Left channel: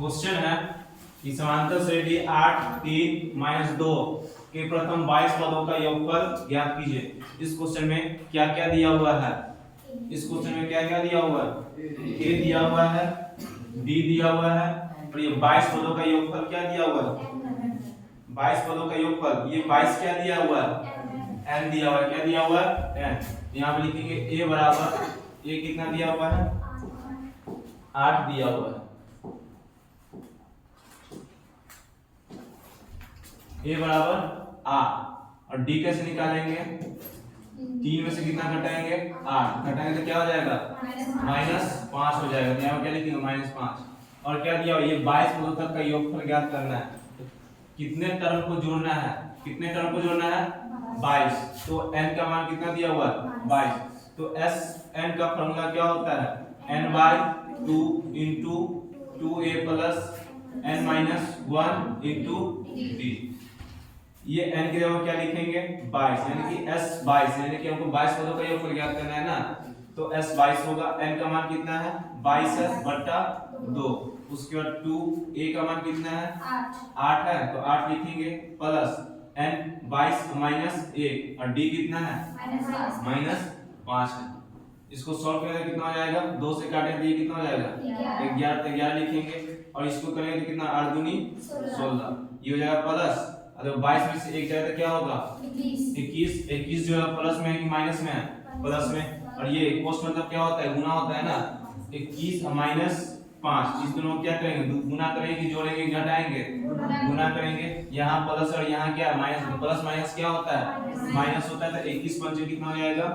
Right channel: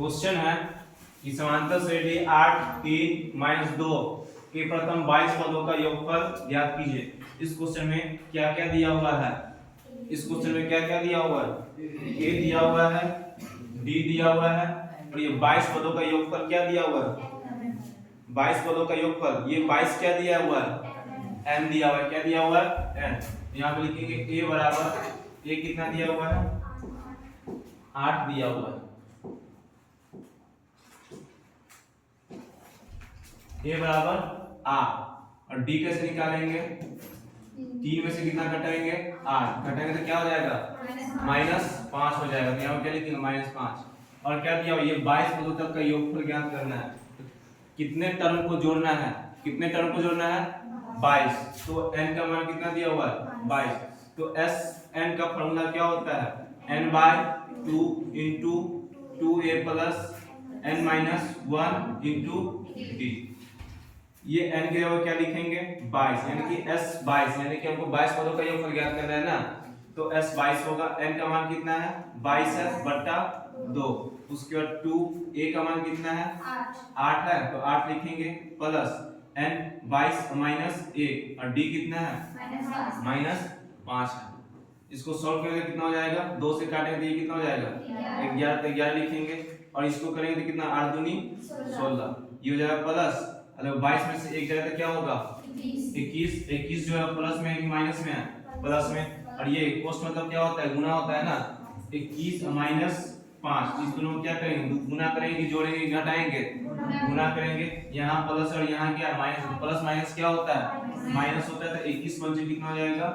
Question है कि समांतर श्रेणी 8 3 -2 के प्रथम 22 पदों का योगफल ज्ञात कीजिए। इस क्वेश्चन में क्या क्या दिया हुआ है? इस क्वेश्चन में क्या क्या दिया हुआ है? ए दिया हुआ है, डी दिया हुआ है और ये 22 पदों का योगफल क्या दिया हुआ है? 22 पदों का योगफल, ये 22 क्या दिया हुआ है? n दिया हुआ है। क्या दिया हुआ है? n। यहाँ पर लिखेंगे a बराबर, a कितना दिया हुआ है? 8 दिया हुआ है। a बराबर 8 और d कैसे निकालेंगे? 3 में से कितना घटाएंगे? 8 घटाएंगे तो क्या हो जाएगा? -5 हो जाएगा। तो यहाँ पर क्या लिखेंगे? -5। और क्या दिया हुआ? ये 22 पदों तक का योगफल ज्ञात करना है। तो कितने टर्म को जोड़ना है? कितने टर्म को जोड़ना है? 22। तो n का मान कितना दिया हुआ है? 22। तो s n का फॉर्मूला क्या होता है? n/2 into 2a plus n minus 1 into d। ये n की जगह क्या लिखेंगे? 22, यानी कि s 22, यानी कि हमको 22 पदों का योगफल ज्ञात करना है ना। तो s 22 होगा। n का मान कितना है? 22 है बटा 2। उसके बाद 2a का मान कितना है? 8 है, तो 8 लिखेंगे प्लस n 22 माइनस 1 और d कितना है? -5 है। इसको सॉल्व करेंगे कितना हो जाएगा? 2 से काटेंगे तो ये कितना हो जाएगा? 11। 11 लिखेंगे और इसको करेंगे तो कितना? 8 दूनी 16। ये हो जाएगा प्लस, अगर 22 में से 1 जाए तो क्या होगा? 21। 21 जो है प्लस में है कि माइनस में है? प्लस में। और ये कोष्ट मतलब क्या होता है? गुना होता है ना। 21 माइनस 5, इस दोनों को क्या करेंगे? गुना करेंगे कि जोड़ेंगे कि घटाएंगे? गुना करेंगे। यहाँ प्लस और यहाँ क्या? माइनस। प्लस माइनस क्या होता है? माइनस होता है। तो 21 पंचे कितना हो जाएगा?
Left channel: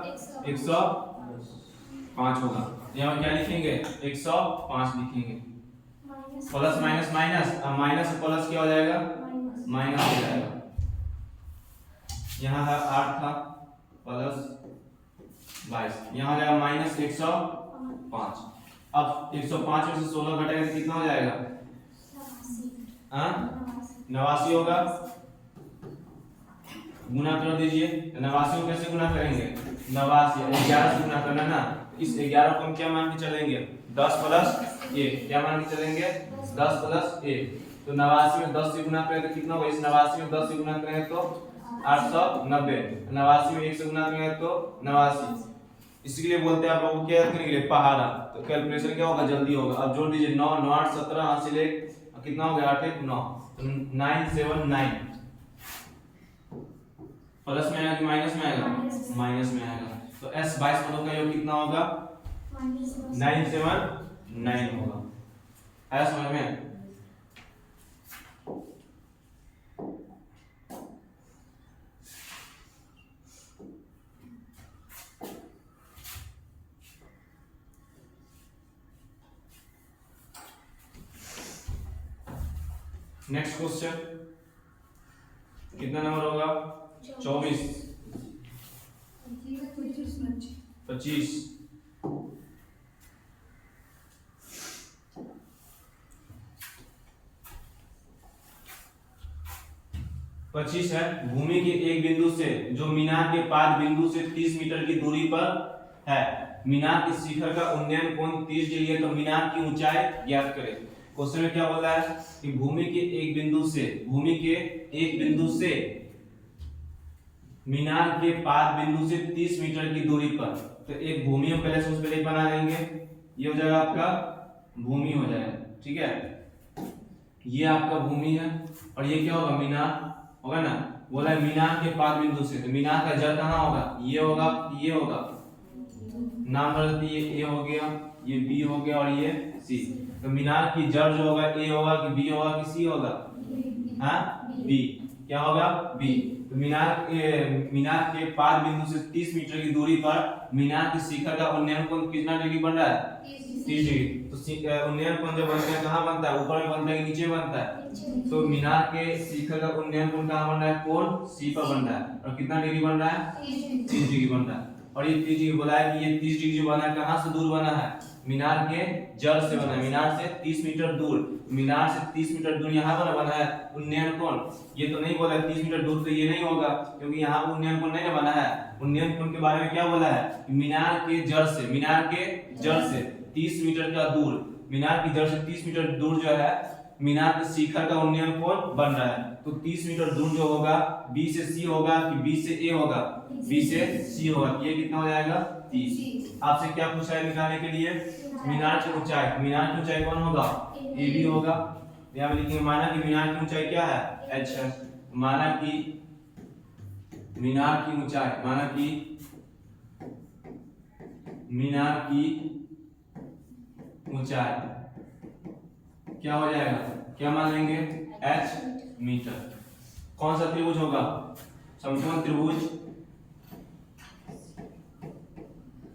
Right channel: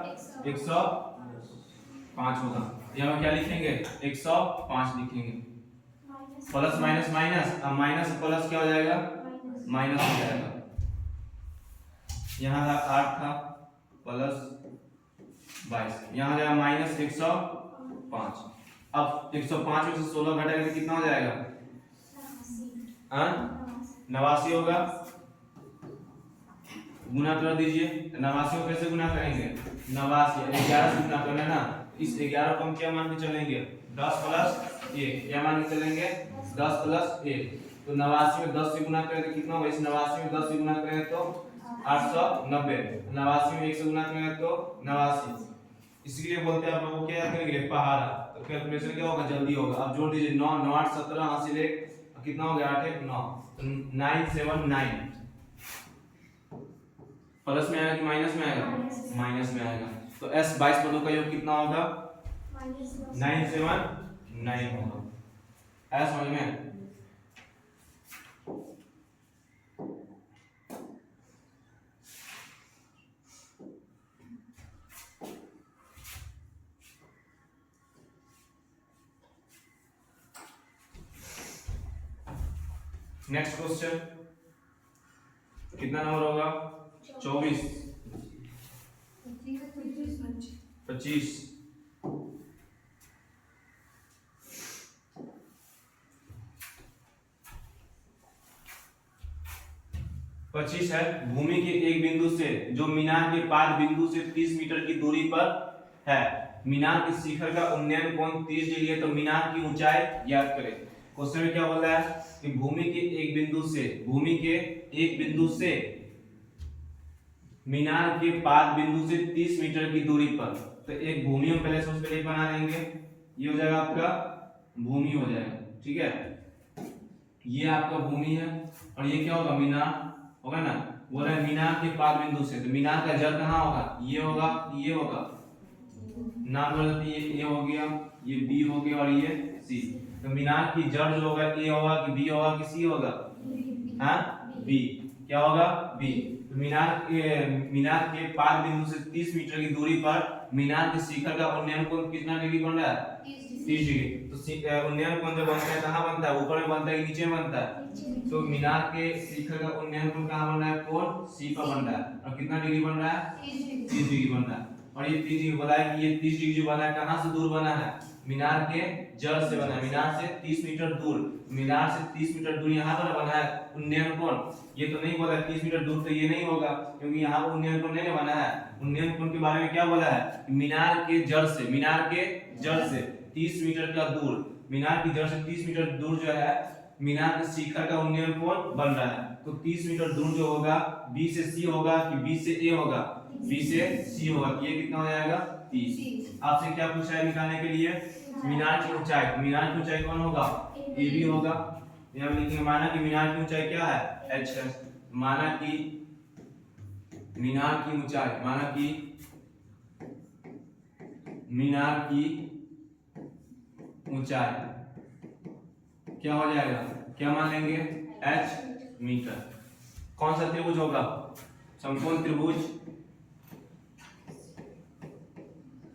105 होगा। यहाँ क्या लिखेंगे? 105 लिखेंगे। प्लस माइनस माइनस, अब माइनस प्लस क्या हो जाएगा? माइनस हो जाएगा। यहाँ था 8 था प्लस 22, यहाँ जाएगा माइनस 105। अब 105 में से 16 घटाएगा तो कितना हो जाएगा? 89 होगा। गुना कर दीजिए। 89 को कैसे गुना करेंगे? 89 11 से गुना करना ना। इस 11 को हम क्या मान के चलेंगे? 10 प्लस 1। क्या मान के चलेंगे? 10 प्लस 1। तो 89 में 10 से गुना करें तो कितना होगा? इस 89 में 10 से गुना करें तो 890। 89 में 1 से गुना करें तो 89। इसलिए बोलते हैं आप लोगों को क्या रखने के लिए? पहाड़ा। तो कैलकुलेशन क्या होगा? जल्दी होगा। अब जोड़ दीजिए 9 9 8 17 हासिल 1 कितना हो गया? 8 1 9, 979। प्लस में आएगा कि माइनस में आएगा? माइनस में आएगा। तो s 22 पदों का योग कितना होगा? 979 होगा। आया समझ में? नेक्स्ट क्वेश्चन कितना नंबर होगा? 24 25 25 है। भूमि के एक बिंदु से जो मीनार के पाद बिंदु से 30 मीटर की दूरी पर है, मीनार के शिखर का उन्नयन कोण 30 डिग्री है, तो मीनार की ऊंचाई ज्ञात करें। क्वेश्चन में क्या बोल रहा है कि भूमि के एक बिंदु से मीनार के पाद बिंदु से 30 मीटर की दूरी पर। तो एक भूमि हम पहले सबसे पहले बना लेंगे। ये हो जाएगा आपका भूमि हो जाएगा, ठीक है। ये आपका भूमि है और ये क्या होगा? मीनार होगा ना। बोला है मीनार के पाद बिंदु से, तो मीनार का जड़ कहाँ होगा? ये होगा, ये होगा। नाम बदलते ये हो गया, ये बी हो गया और ये सी। तो मीनार की जड़ जो होगा ए होगा कि बी होगा कि सी होगा? हाँ, बी। क्या होगा? बी। तो मीनार के पाद बिंदु से 30 मीटर की दूरी पर मीनार के शिखर का उन्नयन कोण कितना डिग्री बन रहा है? 30 डिग्री। तो उन्नयन कोण जब बनता है कहाँ बनता है? ऊपर में बनता है कि नीचे में बनता है? तो मीनार के शिखर का उन्नयन कोण कहाँ बन रहा है? कोण सी पर बन रहा है। और कितना डिग्री बन रहा है? 30 डिग्री बन रहा है। और ये 30 डिग्री बोला है कि ये 30 डिग्री बना है कहाँ से दूर बना है? मीनार के जड़ से बना है। मीनार से 30 मीटर दूर, मीनार से 30 मीटर दूर यहाँ पर बना है उन्नयन कोण। ये तो नहीं बोला 30 मीटर दूर, तो ये नहीं होगा क्योंकि यहाँ पर उन्नयन कोण नहीं बना है। उन्नयन कोण के बारे में क्या बोला है? मीनार के जड़ से 30 मीटर का दूर, मीनार की जड़ से 30 मीटर दूर जो है मीनार के शिखर का उन्नयन कोण बन रहा है। तो 30 मीटर दूर जो होगा बी से सी होगा कि बी से ए होगा, बी से सी होगा। ये कितना हो जाएगा 30। आपसे क्या पूछा है निकालने के लिए, मीनार की ऊंचाई। मीनार की ऊंचाई कौन होगा, ए बी होगा। यहाँ पे लिखेंगे माना कि मीनार की ऊंचाई क्या है, एच है। माना कि मीनार की ऊंचाई, माना कि मीनार की ऊंचाई क्या हो जाएगा, क्या मान लेंगे, h मीटर। कौन सा त्रिभुज होगा, समकोण त्रिभुज।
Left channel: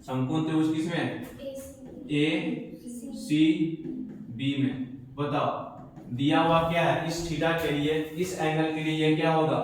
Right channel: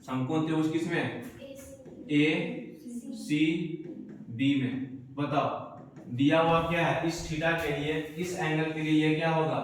समकोण त्रिभुज किसमें, ए सी बी में। बताओ दिया हुआ क्या है, इस थीटा के लिए, इस एंगल के लिए ये क्या होगा,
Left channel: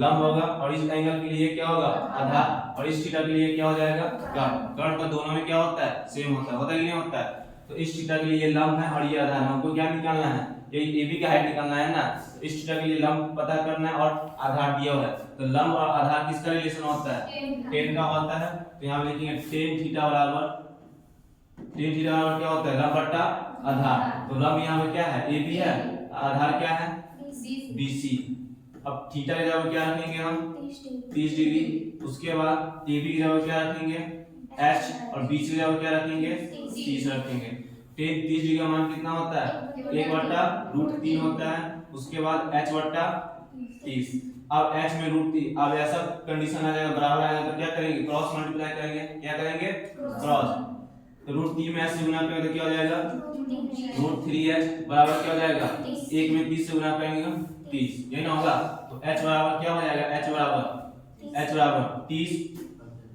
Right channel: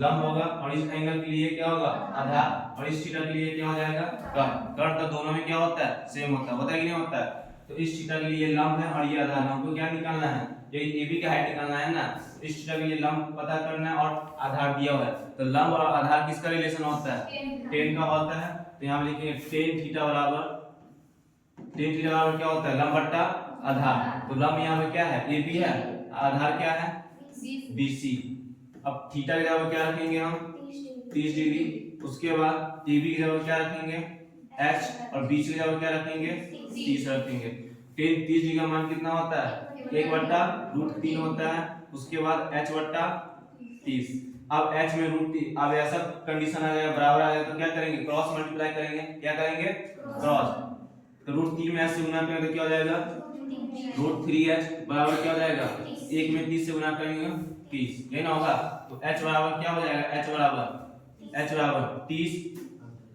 लंब होगा, और इस एंगल के लिए क्या होगा, आधार, और इस थीटा के लिए क्या हो जाएगा, कर्ण। कर्ण तो दोनों में क्या होता है, सेम होता है, होता है कि नहीं होता है। तो इस थीटा के लिए लंब है और ये आधार है, हमको क्या निकालना है, ये AB का हाइट निकालना है ना। इस थीटा के लिए लंब पता करना है और आधार दिया हुआ है। तो लंब और आधार किसका रिलेशन होता है, tan का होता है। तो यहाँ पे लिखेंगे tan थीटा बराबर, tan थीटा बराबर क्या होता है, लंब बट्टा आधार। तो लंब यहाँ पे क्या है, AB है, आधार क्या है, BC। अब थीटा की जगह क्या रखेंगे हम, 30 डिग्री। उसके बाद AB की जगह क्या रखेंगे, h, और BC की जगह क्या रखेंगे, 30 रखेंगे। tan 30 डिग्री का मान कितना होता है, 1/√3 होता है। उसके बाद h बट्टा 30। अब h में √3, अब ऐसा कंडीशन आ जाएगा, बराबर आ जाएगा, तो क्या करेंगे, क्रॉस मल्टीप्लाई करेंगे। क्या करेंगे, क्रॉस। तो √3 में h से गुना करेंगे तो क्या हो जाएगा, √3h बराबर क्या हो जाएगा, 1 में 30 से गुना करेंगे 30, यही ना होगा। तो h बराबर क्या हो जाएगा, h बराबर 30।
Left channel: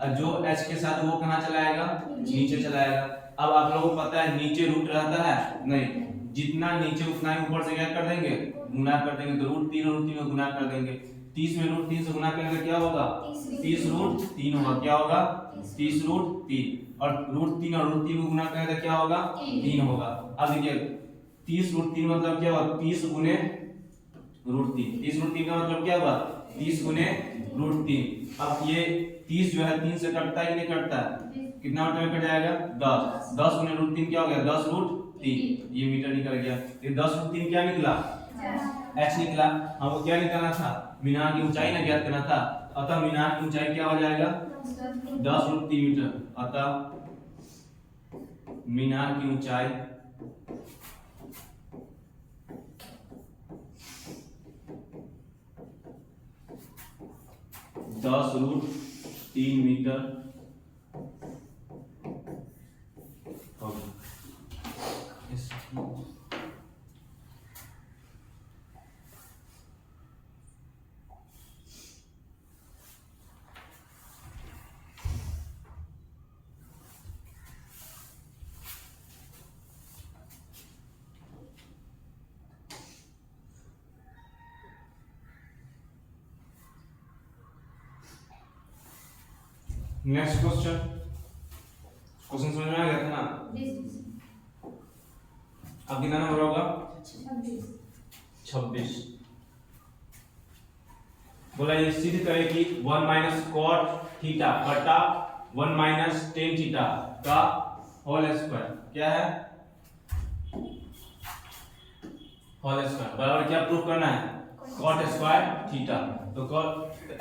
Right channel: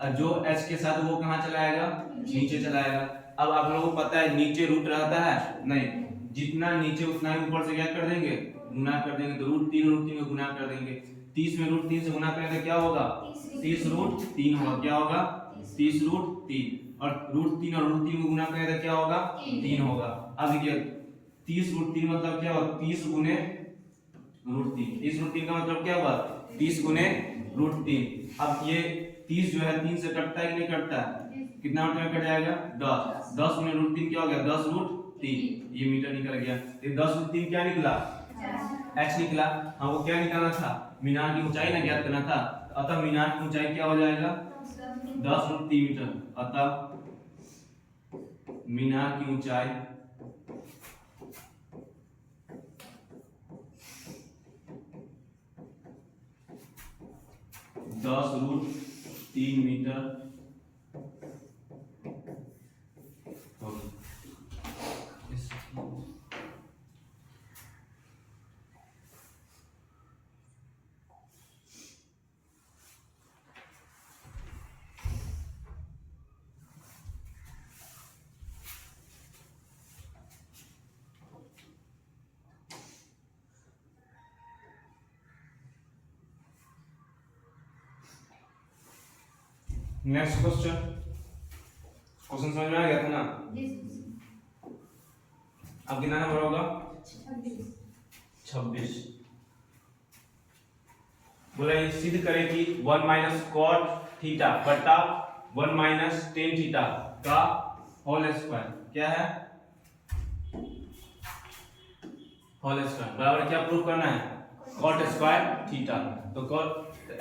और जो h के साथ वो कहाँ चला आएगा, नीचे चला आएगा। अब आप लोगों को पता है नीचे रूट रहता है नहीं, जितना नीचे उतना ही ऊपर से क्या कर देंगे, गुना कर देंगे। तो √3 में गुना कर देंगे। 30 में √3 से गुना करेंगे क्या होगा, 30√3 होगा। क्या होगा, 30√3। और √3 और √3 को गुना करेंगे तो क्या होगा, 3 होगा। अब देखिए 30√3 मतलब क्या होगा, 30 गुने √3। 30√3 का मतलब क्या हुआ, 30 गुने √3। अब ये 30 जो है 3 से कटता है कि नहीं कटता है, कितना मीटर में कट जाएगा, 10। 10 गुने √3 क्या हो गया, 10√3। ये मीटर निकल गया। ये 10√3 क्या निकला, h निकला। हमको क्या निकालना था, मीनार की ऊंचाई ना ज्ञात करना था। अतः मीनार की ऊंचाई क्या हो जाएगा, 10√3 मीटर। अतः मीनार की ऊंचाई 10√3 मीटर होगी। नेक्स्ट क्वेश्चन समझ में आ गया था ना। अब कितना नंबर होगा, 26। बोला ये सिद्ध करें कि 1 - cot थीटा बटा 1 - tan थीटा का होल स्क्वायर क्या है, होल स्क्वायर बराबर क्या प्रूफ करना है, cot स्क्वायर थीटा। तो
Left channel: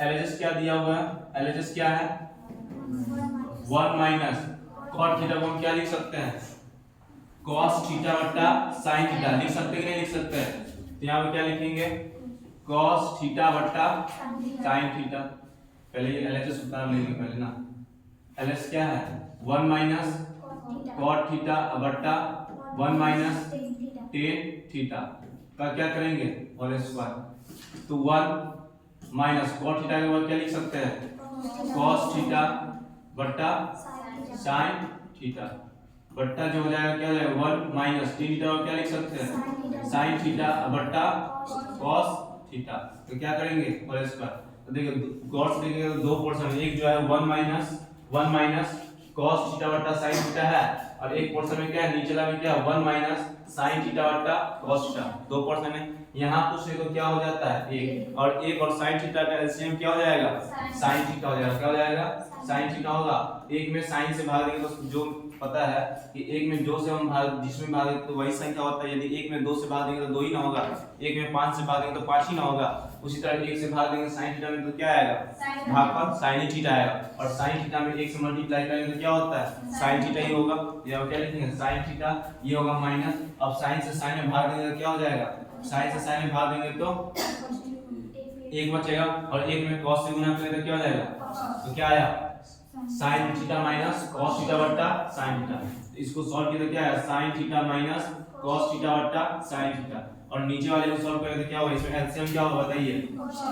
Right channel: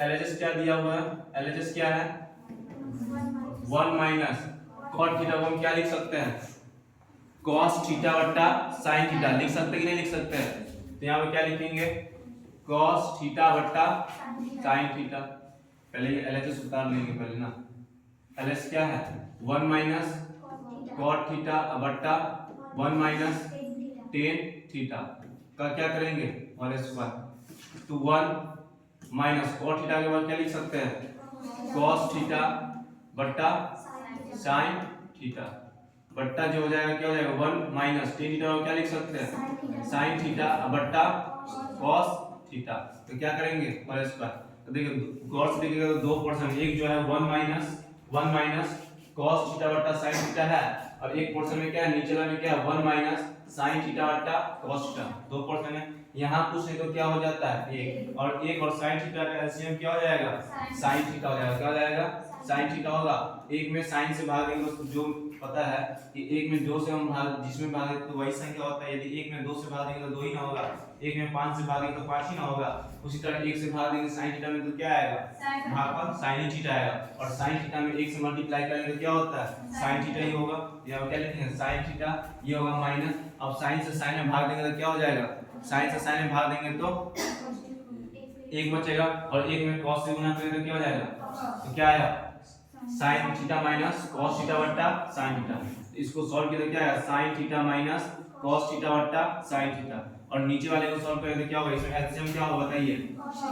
LHS क्या दिया हुआ है, LHS क्या है, 1 - cot थीटा को हम क्या लिख सकते हैं, cos थीटा बटा sin थीटा। लिख सकते कि नहीं लिख सकते हैं। तो यहाँ पे क्या लिखेंगे, cos थीटा बटा sin थीटा। पहले ये LHS उतार लेंगे पहले ना। LHS क्या है, 1 - cot थीटा बटा 1 - tan थीटा का क्या करेंगे, होल स्क्वायर। तो 1 - cot थीटा के बाद क्या लिख सकते हैं, cos थीटा बटा sin थीटा बट्टा जो हो जाएगा क्या हो जाएगा, 1 - tan थीटा को क्या लिख सकते हैं, sin थीटा बट्टा cos थीटा। तो क्या करेंगे, होल स्क्वायर। तो देखिए गौर से देखिएगा तो 2 पोर्शन, एक जो है 1 - cos थीटा बट्टा sin थीटा है, और एक पोर्शन में क्या है, नीचला में क्या है, 1 - sin थीटा बट्टा cos थीटा। 2 पोर्शन है। यहाँ कुछ नहीं तो क्या हो जाता है, एक और sin थीटा का एलसीएम क्या हो जाएगा, sin थीटा हो जाएगा। क्या हो जाएगा, साइन थीटा होगा। एक में साइन से भाग देंगे तो जो पता है कि एक में 2 से हम भाग जिसमें भागे तो वही संख्या होता है। यदि एक में 2 से भाग देंगे तो 2 ही ना होगा, एक में 5 से भागेंगे तो 5 ही ना होगा। उसी तरह एक से भाग देंगे साइन थीटा में तो क्या आएगा, भागफल साइन ही थीटा आएगा। और साइन थीटा में एक से मल्टीप्लाई करेंगे तो क्या होता है, साइन थीटा ही होगा। या क्या लिखेंगे, साइन थीटा, ये होगा माइनस। अब साइन से साइन में भाग देंगे तो क्या हो जाएगा, साइन से साइन में भाग देंगे तो एक बचेगा, और एक में cos से गुना करेंगे तो क्या हो जाएगा, तो क्या आया, sin theta minus cos theta बट्टा sin थीटा। इसको सॉल्व किया तो क्या आया, sin theta minus cos theta बट्टा sin थीटा। और नीचे वाले को सॉल्व करेंगे तो क्या होगा, इसमें एलसीएम क्या होगा बताइए,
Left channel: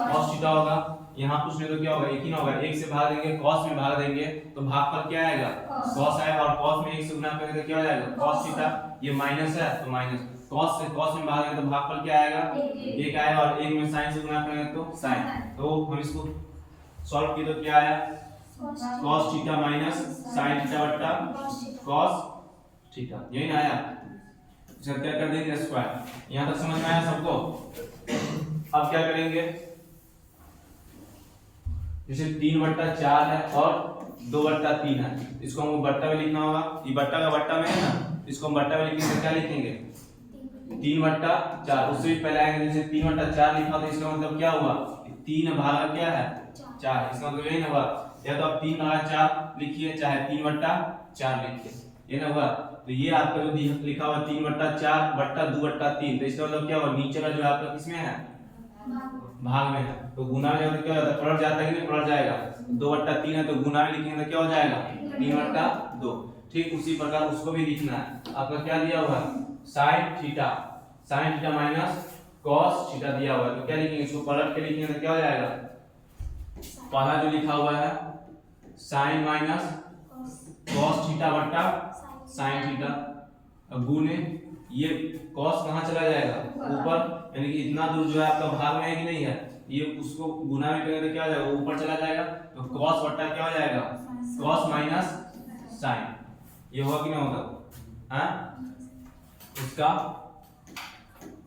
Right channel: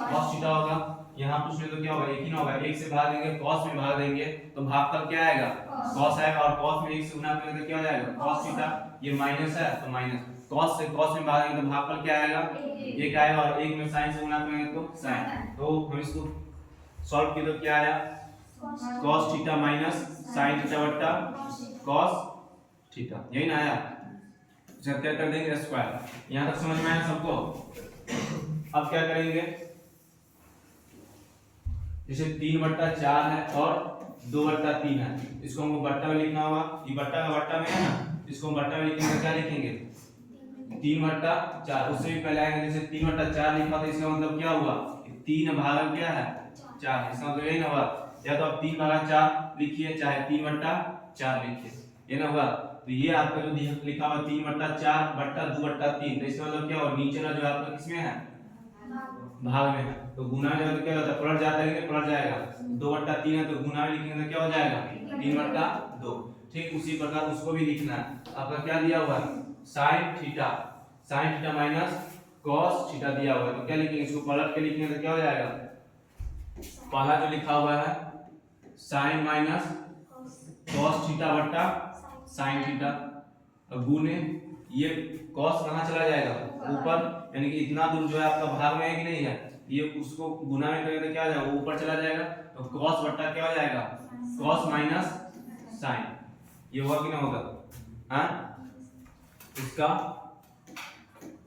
cos थीटा होगा। यहाँ पूछ ले तो क्या होगा, एक ही ना होगा, एक से भाग देंगे cos में भाग देंगे तो भागफल क्या आएगा, cos आएगा। और cos में एक से गुना करेंगे तो क्या हो जाएगा, cos थीटा, ये माइनस है तो माइनस, cos से cos में भागेंगे तो भागफल क्या आएगा, एक आएगा। और एक में sin से गुना करेंगे तो sin। तो हम इसको सॉल्व किए तो क्या आया, cos theta minus sin theta बट्टा cos थीटा, यही ना आया। जब क्या कर देंगे स्क्वायर। यहां तक समझ में आया सबको। अब क्या करेंगे, जैसे 3/4 है और 2/3 है, इसको हमको बट्टा में लिखना होगा। ये बट्टा का बट्टा में है ना, इसको हम बट्टा में लिखेंगे तो क्या लिखेंगे, 3/4। उससे भी पहले आएंगे, जैसे 3/4 लिखा तो इसका मतलब क्या हुआ, 3 भागा क्या है 4, इसका मतलब यही ना हुआ। या तो आप 3/4 लिखिए चाहे 3/4 लिखिए, ये ना हुआ। तो ये आपका जो लिखा हुआ 3/4 बट्टा 2/3, तो इसका मतलब क्या हुआ, नीचे वाला जो आपका किसमें है, भाग में है। तो गुना में जब क्या होता है, पलट जाता है कि नहीं, पलट जाएगा। 2/3 है तो गुना में लिखेंगे तो क्या हो जाएगा, 3/2। ठीक उसी प्रकार उसको भी लिखना है। आपका क्या दिया हुआ है, sin theta minus cos theta दिया हुआ है, तो क्या लिखेंगे, इसको पलट के लिखेंगे तो क्या हो जाएगा, पहला जो लिखा हुआ है sin माइनस cos थीटा बट्टा sin थीटा, गुने ये cos कहाँ चला जाएगा, ऊपर, यानी कि इतना दूर जो है आपका भाग में है कि नहीं है, ये उसको गुना में करेंगे तो क्या हो जाएगा, ऊपर चला जाएगा। तो cos बट्टा क्या हो जाएगा, cos माइनस sin, ये होगा कि नहीं होगा, हाँ, इसका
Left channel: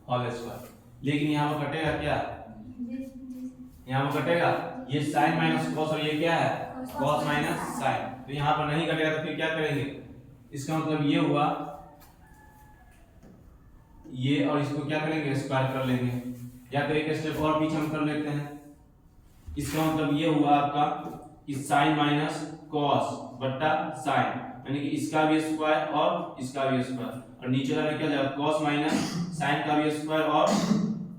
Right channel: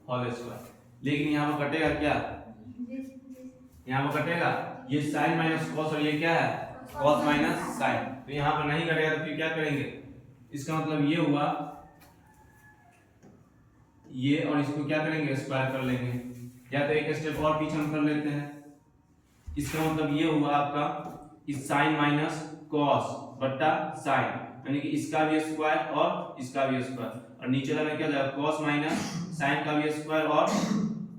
होल स्क्वायर। लेकिन यहाँ पर कटेगा क्या, यहाँ पर कटेगा ये sin माइनस cos, और ये क्या है cos माइनस sin। तो यहाँ पर नहीं कटेगा तो फिर क्या करेंगे, इसका मतलब ये हुआ ये, और इसको क्या करेंगे, स्क्वायर कर लेंगे। या तो एक स्टेप और पीछे हम कर लेते हैं। इसका मतलब ये हुआ आपका कि sin माइनस cos बट्टा sin, यानी कि इसका भी स्क्वायर और इसका भी स्क्वायर, और नीचे वाला क्या हो जाएगा, cos माइनस sin का भी स्क्वायर और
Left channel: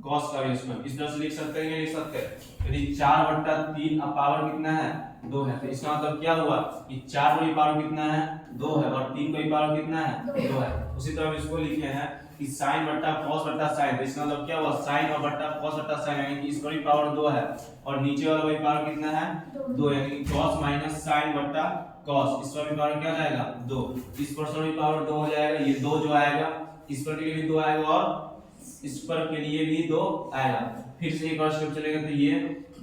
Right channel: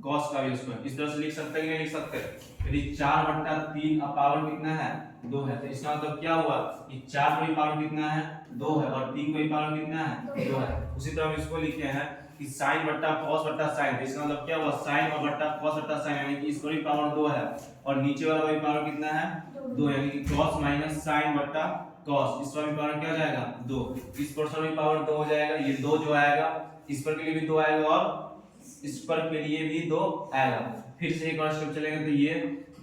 cos का भी स्क्वायर। इस तरह से लिख सकते हैं, लिख सकते हैं। यदि 4/3 अब पावर कितना है, 2 है, तो इसका मतलब क्या हुआ कि 4 को भी पावर कितना है, 2 है, और 3 को भी पावर कितना है, 2 है। उसी तरह हम इसको लिखे हैं कि sin बट्टा cos बट्टा sin, तो इसका मतलब क्या हुआ, sin और बट्टा cos बट्टा sin, यानी कि इसका भी पावर 2 है, और नीचे वाला वही पावर कितना है, 2, यानी कि cos माइनस sin बट्टा cos, इसका भी पावर क्या हो जाएगा, 2। इस पर भी पावर 2 हो जाएगा। ये 2 जो आएगा इस पर के लिए भी 2 आएगा, और इस पर के लिए भी 2 आएगा। फिर से एक और स्टेप चलेगा तो ये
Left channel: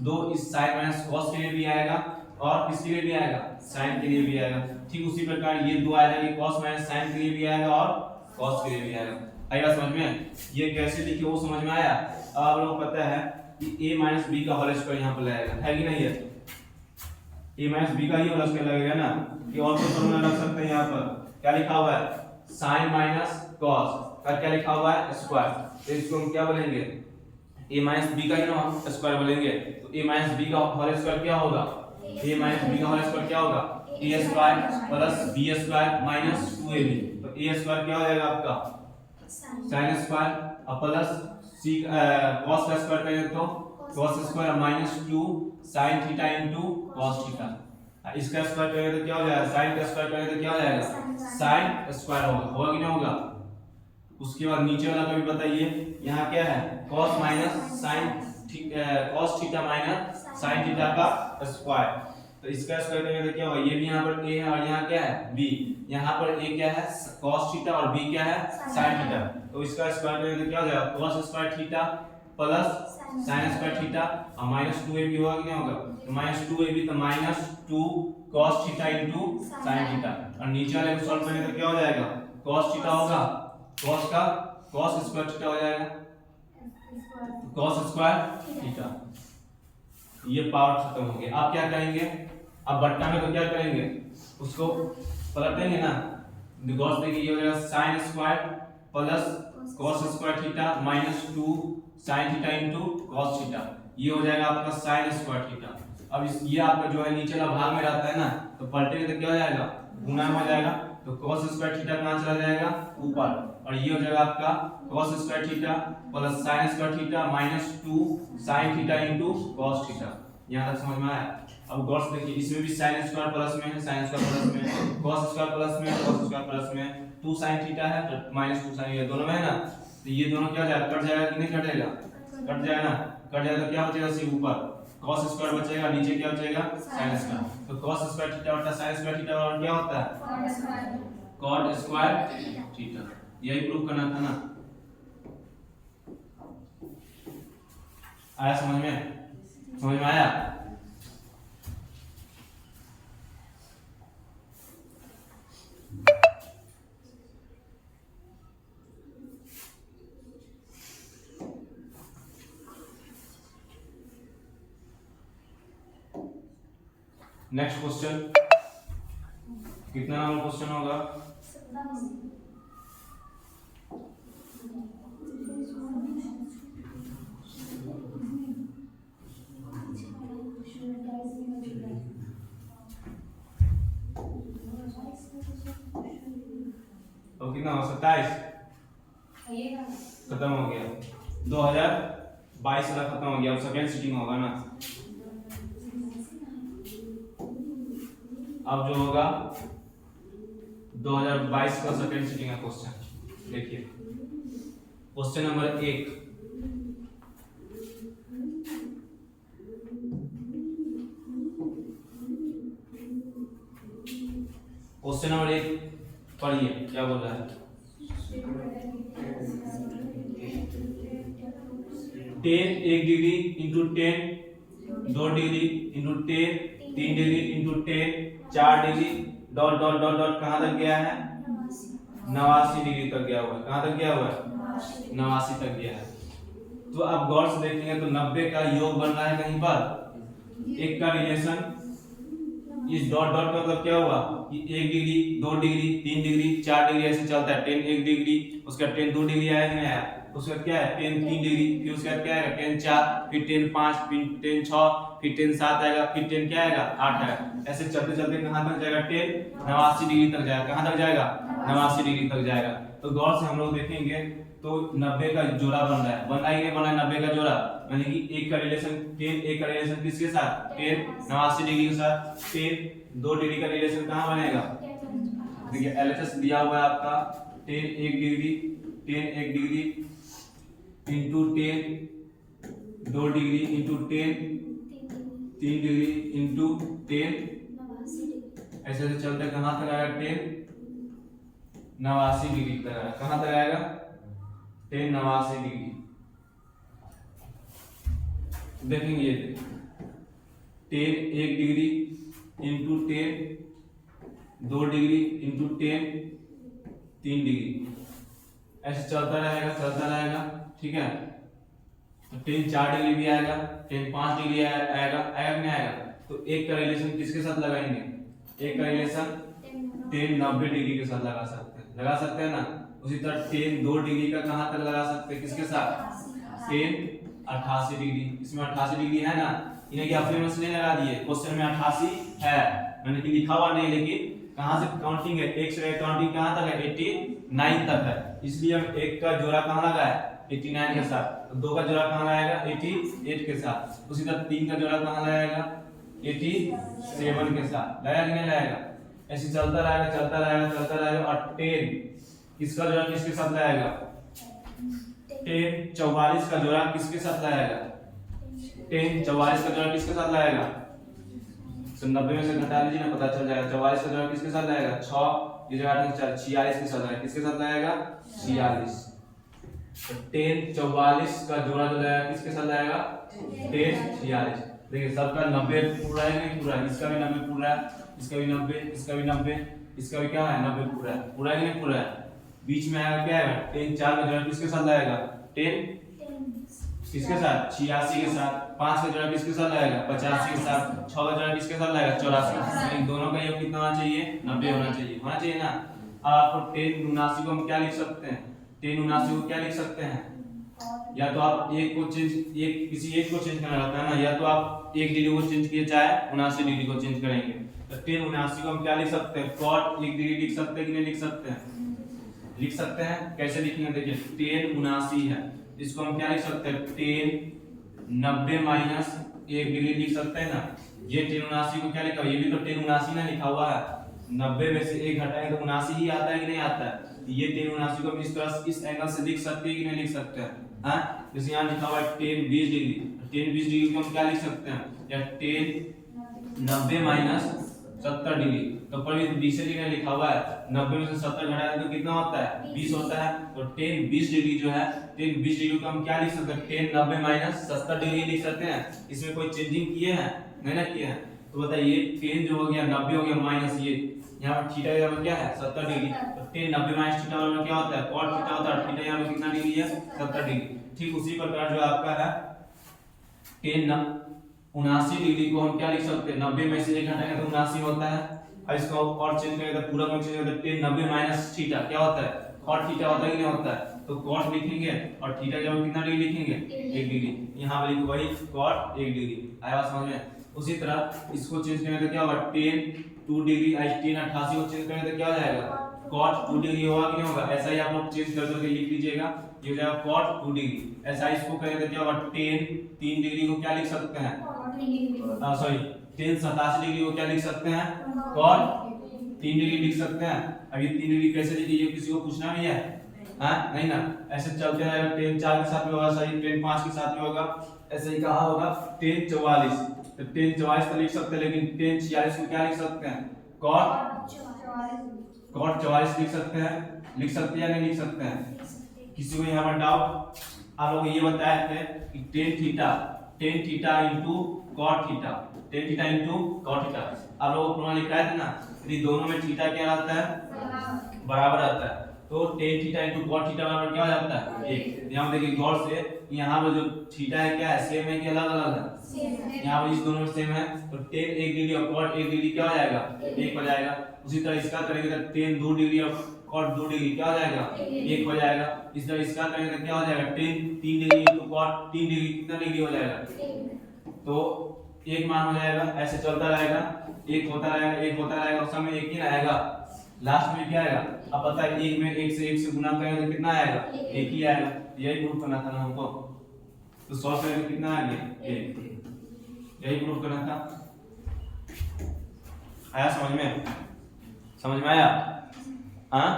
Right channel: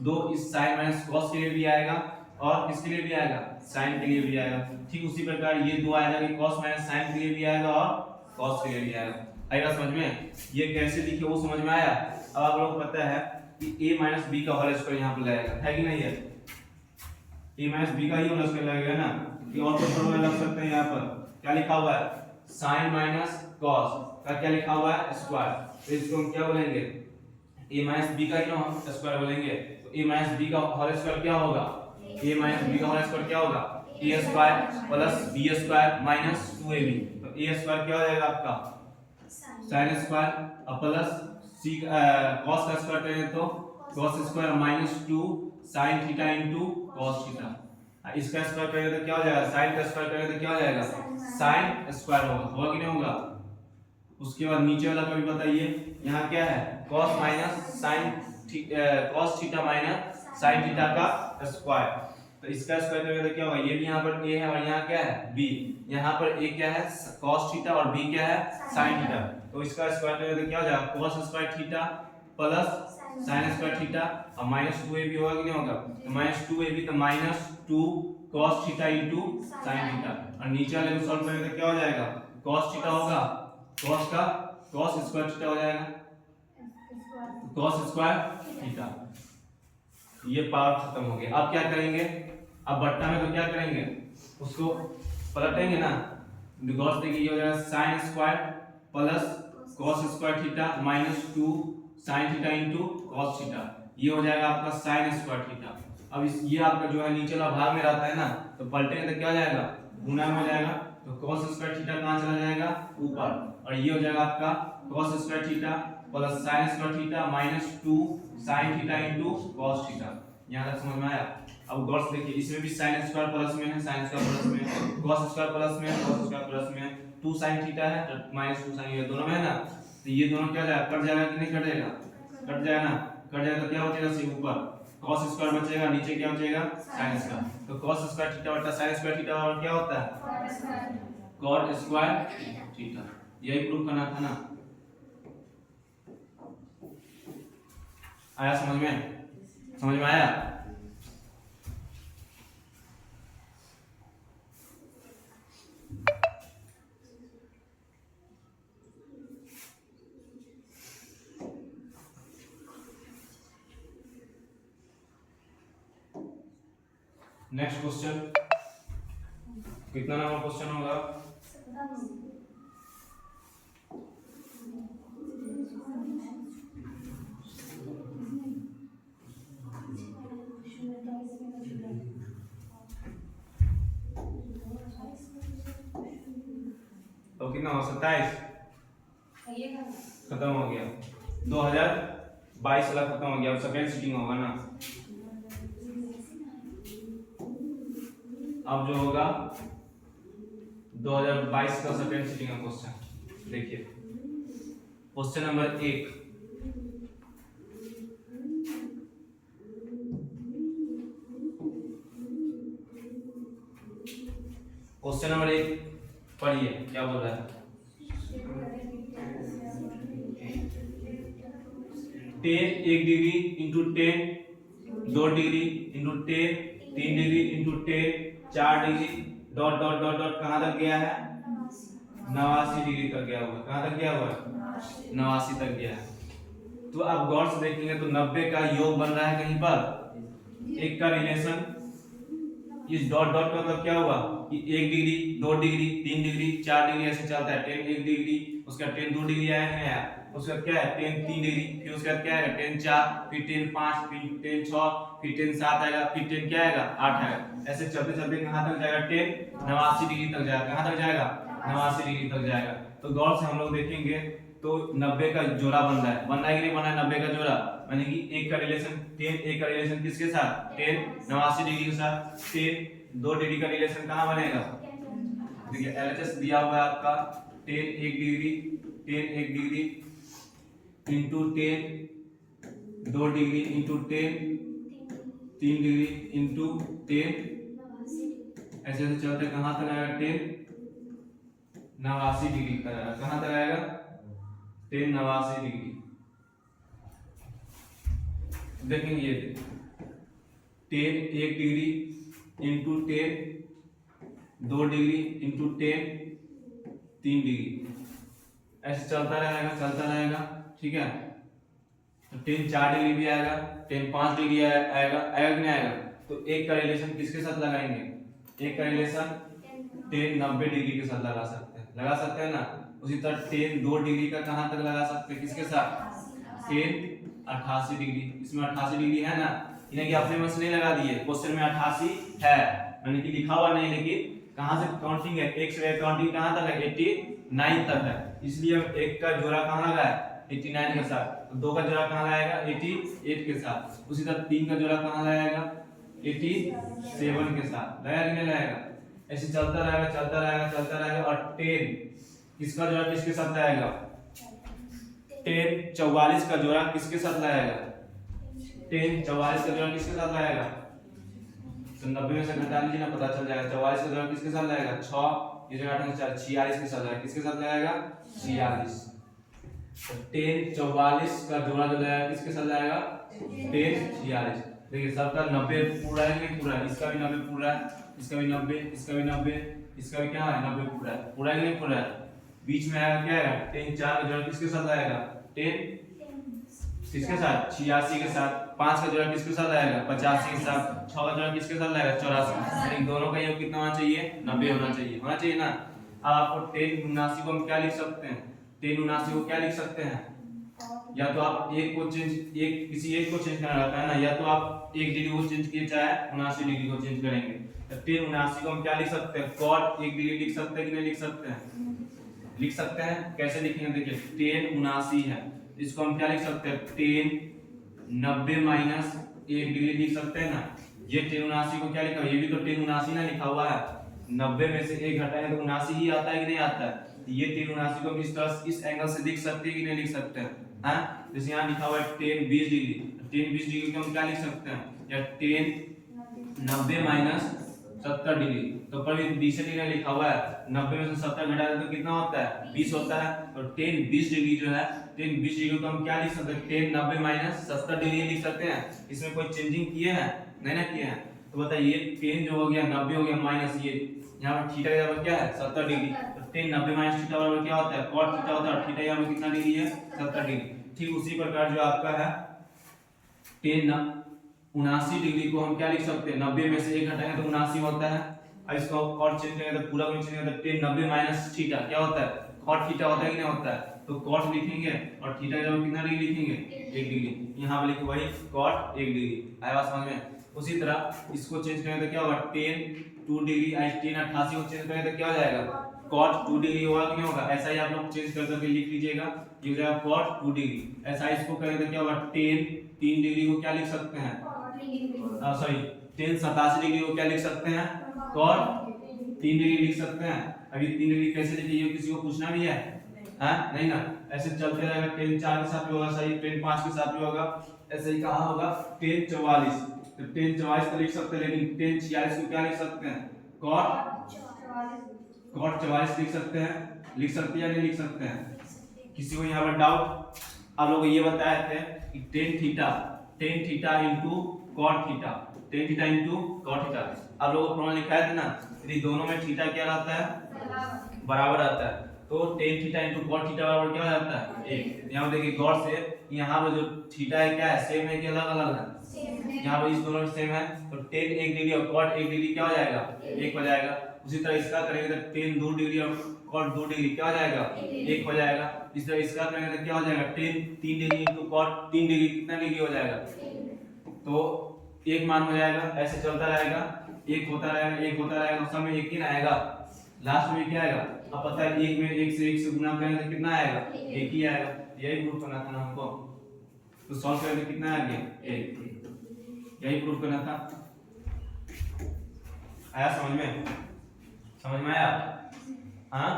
2 इस sin माइनस cos के लिए भी आएगा, और किसके लिए भी आएगा, sin के लिए भी आएगा। ठीक उसी प्रकार ये 2 आएगा कि cos माइनस sin के लिए भी आएगा और cos के लिए भी आएगा। आएगा समझ में, ये कैसे लिखे वो समझ में आया। अब आप लोग पता है कि a माइनस b का होल स्क्वायर यहाँ पर लगेगा, है कि नहीं है, a माइनस b का ही होल स्क्वायर लगेगा ना। ये और कोई फॉर्मूला लग सकता है, यहाँ पर क्या लिखा हुआ है, sin माइनस cos का क्या लिखा हुआ है, स्क्वायर। तो इसको हम क्या बोलेंगे, a माइनस b का ही स्क्वायर बोलेंगे। तो a माइनस b का होल स्क्वायर क्या होगा, a माइनस b का होल स्क्वायर क्या होगा, a square plus b square minus 2ab। तो a स्क्वायर क्या हो जाएगा आपका, sin स्क्वायर, और प्लस c cos का स्क्वायर करेंगे तो cos square minus 2 sin theta into cos theta. इसका स्क्वायर करेंगे तो क्या हो जाएगा, sin का स्क्वायर करेंगे तो क्या हो जाएगा, sin स्क्वायर होगा कि नहीं होगा। उसके बाद नीचे वाला का भी बताइए, यहाँ क्या है, cos minus sin cos theta minus sin theta का स्क्वायर। तो इसका स्क्वायर करेंगे तो क्या होगा, ये भी यहाँ पर a है और यहाँ क्या है b, यहाँ पर a क्या है cos थीटा और b क्या है sin थीटा। तो इसका स्क्वायर करेंगे तो क्या हो जाएगा, cos square theta plus sin square theta, और माइनस 2ab होगा कि नहीं होगा, तो माइनस 2ab तो minus 2 cos theta into sin theta. और नीचे वाले को सॉल्व करेंगे तो क्या हो जाएगा, cos थीटा होगा, cos का cos स्क्वायर थीटा हो जाएगा, cos स्क्वायर थीटा। ये पावर खत्म हो गया। अब क्या करेंगे, अब बट्टा में तो क्या करेंगे, उसको पलटेंगे ना। गॉस देखिए ये हो जाएगा sine square plus cos square theta minus 2 sine theta into cos theta, ये हो जाएगा आपका साइन स्क्वायर थीटा। अब इस ये आपका जो है नीचे वाला भाग में रहता है ना, तो पलटेंगे तो क्या हो जाएगा, गुना में हो जाएगा, तो cos स्क्वायर थीटा कहां चला जाएगा, ऊपर, और ये हो जाएगा आपका cos square theta plus sin square theta minus 2 sin theta into cos theta. यहां तक समझ में आया। अब गौर से देखिए इसमें भी sin स्क्वायर प्लस में है, sin स्क्वायर प्लस में है, cos स्क्वायर प्लस में है, cos स्क्वायर प्लस में है, 2 sin थीटा है तो माइनस 2 sin, ये दोनों में है ना, तो ये दोनों क्या हो जाएगा, कट जाएगा कि नहीं कटेगा, कट जाएगा ना, कट जाएगा तो क्या बचेगा, सिर्फ ऊपर cos स्क्वायर बचेगा, नीचे क्या बचेगा, sin स्क्वायर। तो cos स्क्वायर थीटा बटा sin स्क्वायर थीटा और क्या होता है, cot स्क्वायर थीटा। यही प्रूफ करना था ना, आया समझ में, समझ में आया। नेक्स्ट क्वेश्चन, कितना नंबर क्वेश्चन होगा, तो कितना हो, 27 खत्म हो गया, 2022 वाला खत्म हो गया, अब सेकंड सीटिंग होगा ना। अब जो होगा 2022 का सेकंड सीटिंग का क्वेश्चन देखिए, क्वेश्चन नंबर 1, क्वेश्चन नंबर 1 पढ़िए क्या बोल रहा है, 10 1 degree into 10 2 degree into 10 3 degree into 10 4 degree dot dot dot dot कहां तक गया है, 89 डिग्री तक गया हुआ है, कहां तक गया हुआ है, 89 तक गया है। तो अब गौर से देखेंगे तो 90 का योग बन रहा है कहीं पर, एक का रिलेशन, इस डॉट डॉट का मतलब क्या हुआ कि 1 डिग्री 2 डिग्री 3 डिग्री 4 डिग्री ऐसे चलता है, 10 1 डिग्री, उसका 10 2 डिग्री आया कि नहीं आया, उसका क्या है 10 3 डिग्री, फिर उसका क्या आएगा 10 4, फिर 10 5, फिर 10 6, फिर 10 7 आएगा, फिर 10 क्या आएगा 8 आएगा, ऐसे चलते चलते कहां तक जाएगा, 10 89 डिग्री तक जाएगा, कहां तक जाएगा 89 डिग्री तक जाएगा। तो गौर से हम लोग देखेंगे तो 90 का जोड़ा बन रहा है, बनना है कि नहीं बन रहा है 90 का जोड़ा, यानी कि एक का रिलेशन 10, एक का रिलेशन किसके साथ 10 89 डिग्री के साथ, 10 2 डिग्री का रिलेशन कहां बनेगा, देखिए एलएचएस दिया हुआ है आपका 10 1 degree 10 1 degree into 10 2 degree into 10 3 degree into 10, ऐसे ऐसे चलते कहां तक आएगा 10 89 डिग्री तक आएगा, कहां तक आएगा 10 89 डिग्री। देखेंगे ये 10 1 degree into 10 2 degree into 10 3 degree, ऐसे चलता रहेगा, ठीक है। तो 10 4 डिग्री भी आएगा, 10 5 डिग्री आएगा, आएगा कि नहीं आएगा। तो एक का रिलेशन किसके साथ लगाएंगे, एक का रिलेशन 10 90 डिग्री के साथ लगा सकते हैं ना। उसी तरह 10 2 डिग्री का कहां तक लगा सकते हैं, किसके साथ 10 88 डिग्री, इसमें 88 डिग्री है ना, इन्हें कि अपने में से नहीं लगा दिए, क्वेश्चन में 88 है, मैंने कि लिखा हुआ नहीं, लेकिन कहां से काउंटिंग है, एक से काउंटिंग कहां तक है 89 तक है, इसलिए हम एक का जोड़ा कहां लगाए 89 के साथ, तो दो का जोड़ा कहां लगाएगा 88 के साथ, उसी तरह तीन का जोड़ा कहां लगाएगा 87 के साथ, लगाया कि नहीं लगाएगा। ऐसे चलता रहेगा और 10 किसका जोड़ा किसके साथ लगाएगा, 10 44 का जोड़ा किसके साथ लगाएगा, 10 44 का जोड़ा किसके साथ लगाएगा, तो 90 में से घटा लीजिए ना, पता चल जाएगा 44 का जोड़ा किसके साथ लगाएगा 6, ये जगह 46 के साथ लगाएगा, किसके साथ लगाएगा 46। 10 44 का जोड़ा जो लगाएगा किसके साथ लगाएगा 10 46। देखिए सबका 90 पूरा है नहीं पूरा है, इसका भी 90 पूरा है, इसका भी 90, इसका भी 90, इसका भी क्या है 90 पूरा है, पूरा है कि नहीं पूरा है। बीच में आएगा क्या है 10 4 का जोड़ा किसके साथ लगाएगा 10 किसके साथ 86 के साथ, 5 का जोड़ा किसके साथ आएगा 85 के साथ, 6 का जोड़ा किसके साथ आएगा 84। इन दोनों का योग कितना होना चाहिए 90 होना चाहिए ना। अब आपको 1079 को हम क्या लिख सकते हैं, 1079 को क्या लिख सकते हैं, या तो आप एक को चेंज किसी एक को चेंज करना रहता है ना, या तो आप 1 डिग्री को चेंज किए चाहे 79 डिग्री को चेंज करेंगे। तो 1079 को हम क्या लिख सकते हैं, cot 1 डिग्री लिख सकते हैं कि नहीं लिख सकते हैं, लिख सकते हैं। कैसे लिखेंगे देखिए 1079 है, इसको हम क्या लिख सकते हैं 1090 माइनस 1 डिग्री लिख सकते हैं ना। ये 1079 को क्या लिखा है, ये भी तो 1079 ना लिखा हुआ है, 90 में से 1 घटाएंगे तो 79 ही आता है कि नहीं आता है। ये 1079 को हम इस तरह इस एंगल से लिख सकते हैं कि नहीं लिख सकते हैं, हां। जैसे यहां लिखा हुआ है 1020 डिग्री, 1020 डिग्री को हम क्या लिख सकते हैं, या 1090 माइनस 70 डिग्री। तो पर भी 20 डिग्री लिखा हुआ है, 90 में से 70 घटा दें तो कितना होता है 20 होता है। तो 1020 डिग्री जो है 1020 डिग्री को हम क्या लिख सकते हैं 1090 माइनस 70 डिग्री लिख सकते हैं। इसमें कोई चेंजिंग किए हैं नहीं ना किए हैं। तो बताइए 10 जो हो गया 90 हो गया माइनस ये यहाँ पर थीटा का बराबर क्या है 70 डिग्री। तो 1090 माइनस थीटा बराबर क्या होता है cot थीटा होता है। थीटा यहाँ पर कितना डिग्री है 70 डिग्री। ठीक उसी प्रकार जो आपका है 1079 डिग्री को हम क्या लिख सकते हैं 90 में से 1 घटाएंगे तो 79 होता है। और इसको और चेंज करेंगे तो पूरा को चेंज करेंगे तो 1090 माइनस थीटा क्या होता है cot थीटा होता है कि नहीं होता है। तो cot लिखेंगे और थीटा के बाद कितना डिग्री लिखेंगे 1 डिग्री। यहाँ पे लिखो वही cot 1 डिग्री। आया बात समझ में। उसी तरह इसको चेंज करेंगे तो क्या होगा 10 2 डिग्री। 1088 को चेंज करेंगे तो क्या हो जाएगा cot 2 डिग्री होगा कि नहीं होगा। ऐसा ही आप लोग चेंज कर करके लिख लीजिएगा, ये हो जाएगा cot 2 डिग्री। ऐसा इसको करेंगे तो क्या होगा 10 3 डिग्री को क्या लिख सकते हैं सॉरी 1087 डिग्री को क्या लिख सकते हैं cot 3 डिग्री लिख सकते हैं। अभी 3 डिग्री कैसे लिखिए किसी को पूछना भी है हां नहीं ना। ऐसे चलते रहेगा 10 4 के साथ भी होगा सही, 10 5 के साथ भी होगा। ऐसे ही कहा होगा 10 44 तो 10 44 तो लिख सकते हैं, लेकिन 10 46 को क्या लिख सकते हैं cot 44 लिख सकते हैं। लिख सकते हैं या नहीं लिख सकते हैं। किसी को यहाँ पर डाउट। आप लोग ये बताए थे कि tan theta into cot theta, tan theta into cot theta आप लोगों को फॉर्मूला लिखा है ना। यदि दोनों में थीटा क्या रहता है बराबर रहता है तो tan theta into cot theta बराबर क्या हो जाता है 1। यहाँ पे देखिए गौर से यहाँ पे जो थीटा है क्या है सेम है कि अलग अलग है। यहाँ पे इस दोनों में सेम है तो tan 1 डिग्री और cot 1 डिग्री क्या हो जाएगा 1 हो जाएगा। उसी तरह इसका करेंगे तो tan 2 डिग्री और cot 2 डिग्री क्या हो जाएगा 1 हो जाएगा। इस तरह इसका करेंगे तो क्या हो जाएगा tan 3 degree into cot 3 degree कितना डिग्री हो जाएगा तो 1 मान हो जाएगा। ऐसे चलता रहेगा 1 होता रहेगा उस समय 1 ही ना आएगा। लास्ट में क्या आएगा अब पता है 1 में 1 से गुना करेंगे तो कितना आएगा 1 ही आएगा। यही प्रूफ करना था ना हमको। तो सॉल्व करेंगे कितना आ गया 1, यही प्रूफ करना था। आया समझ में आया हाँ।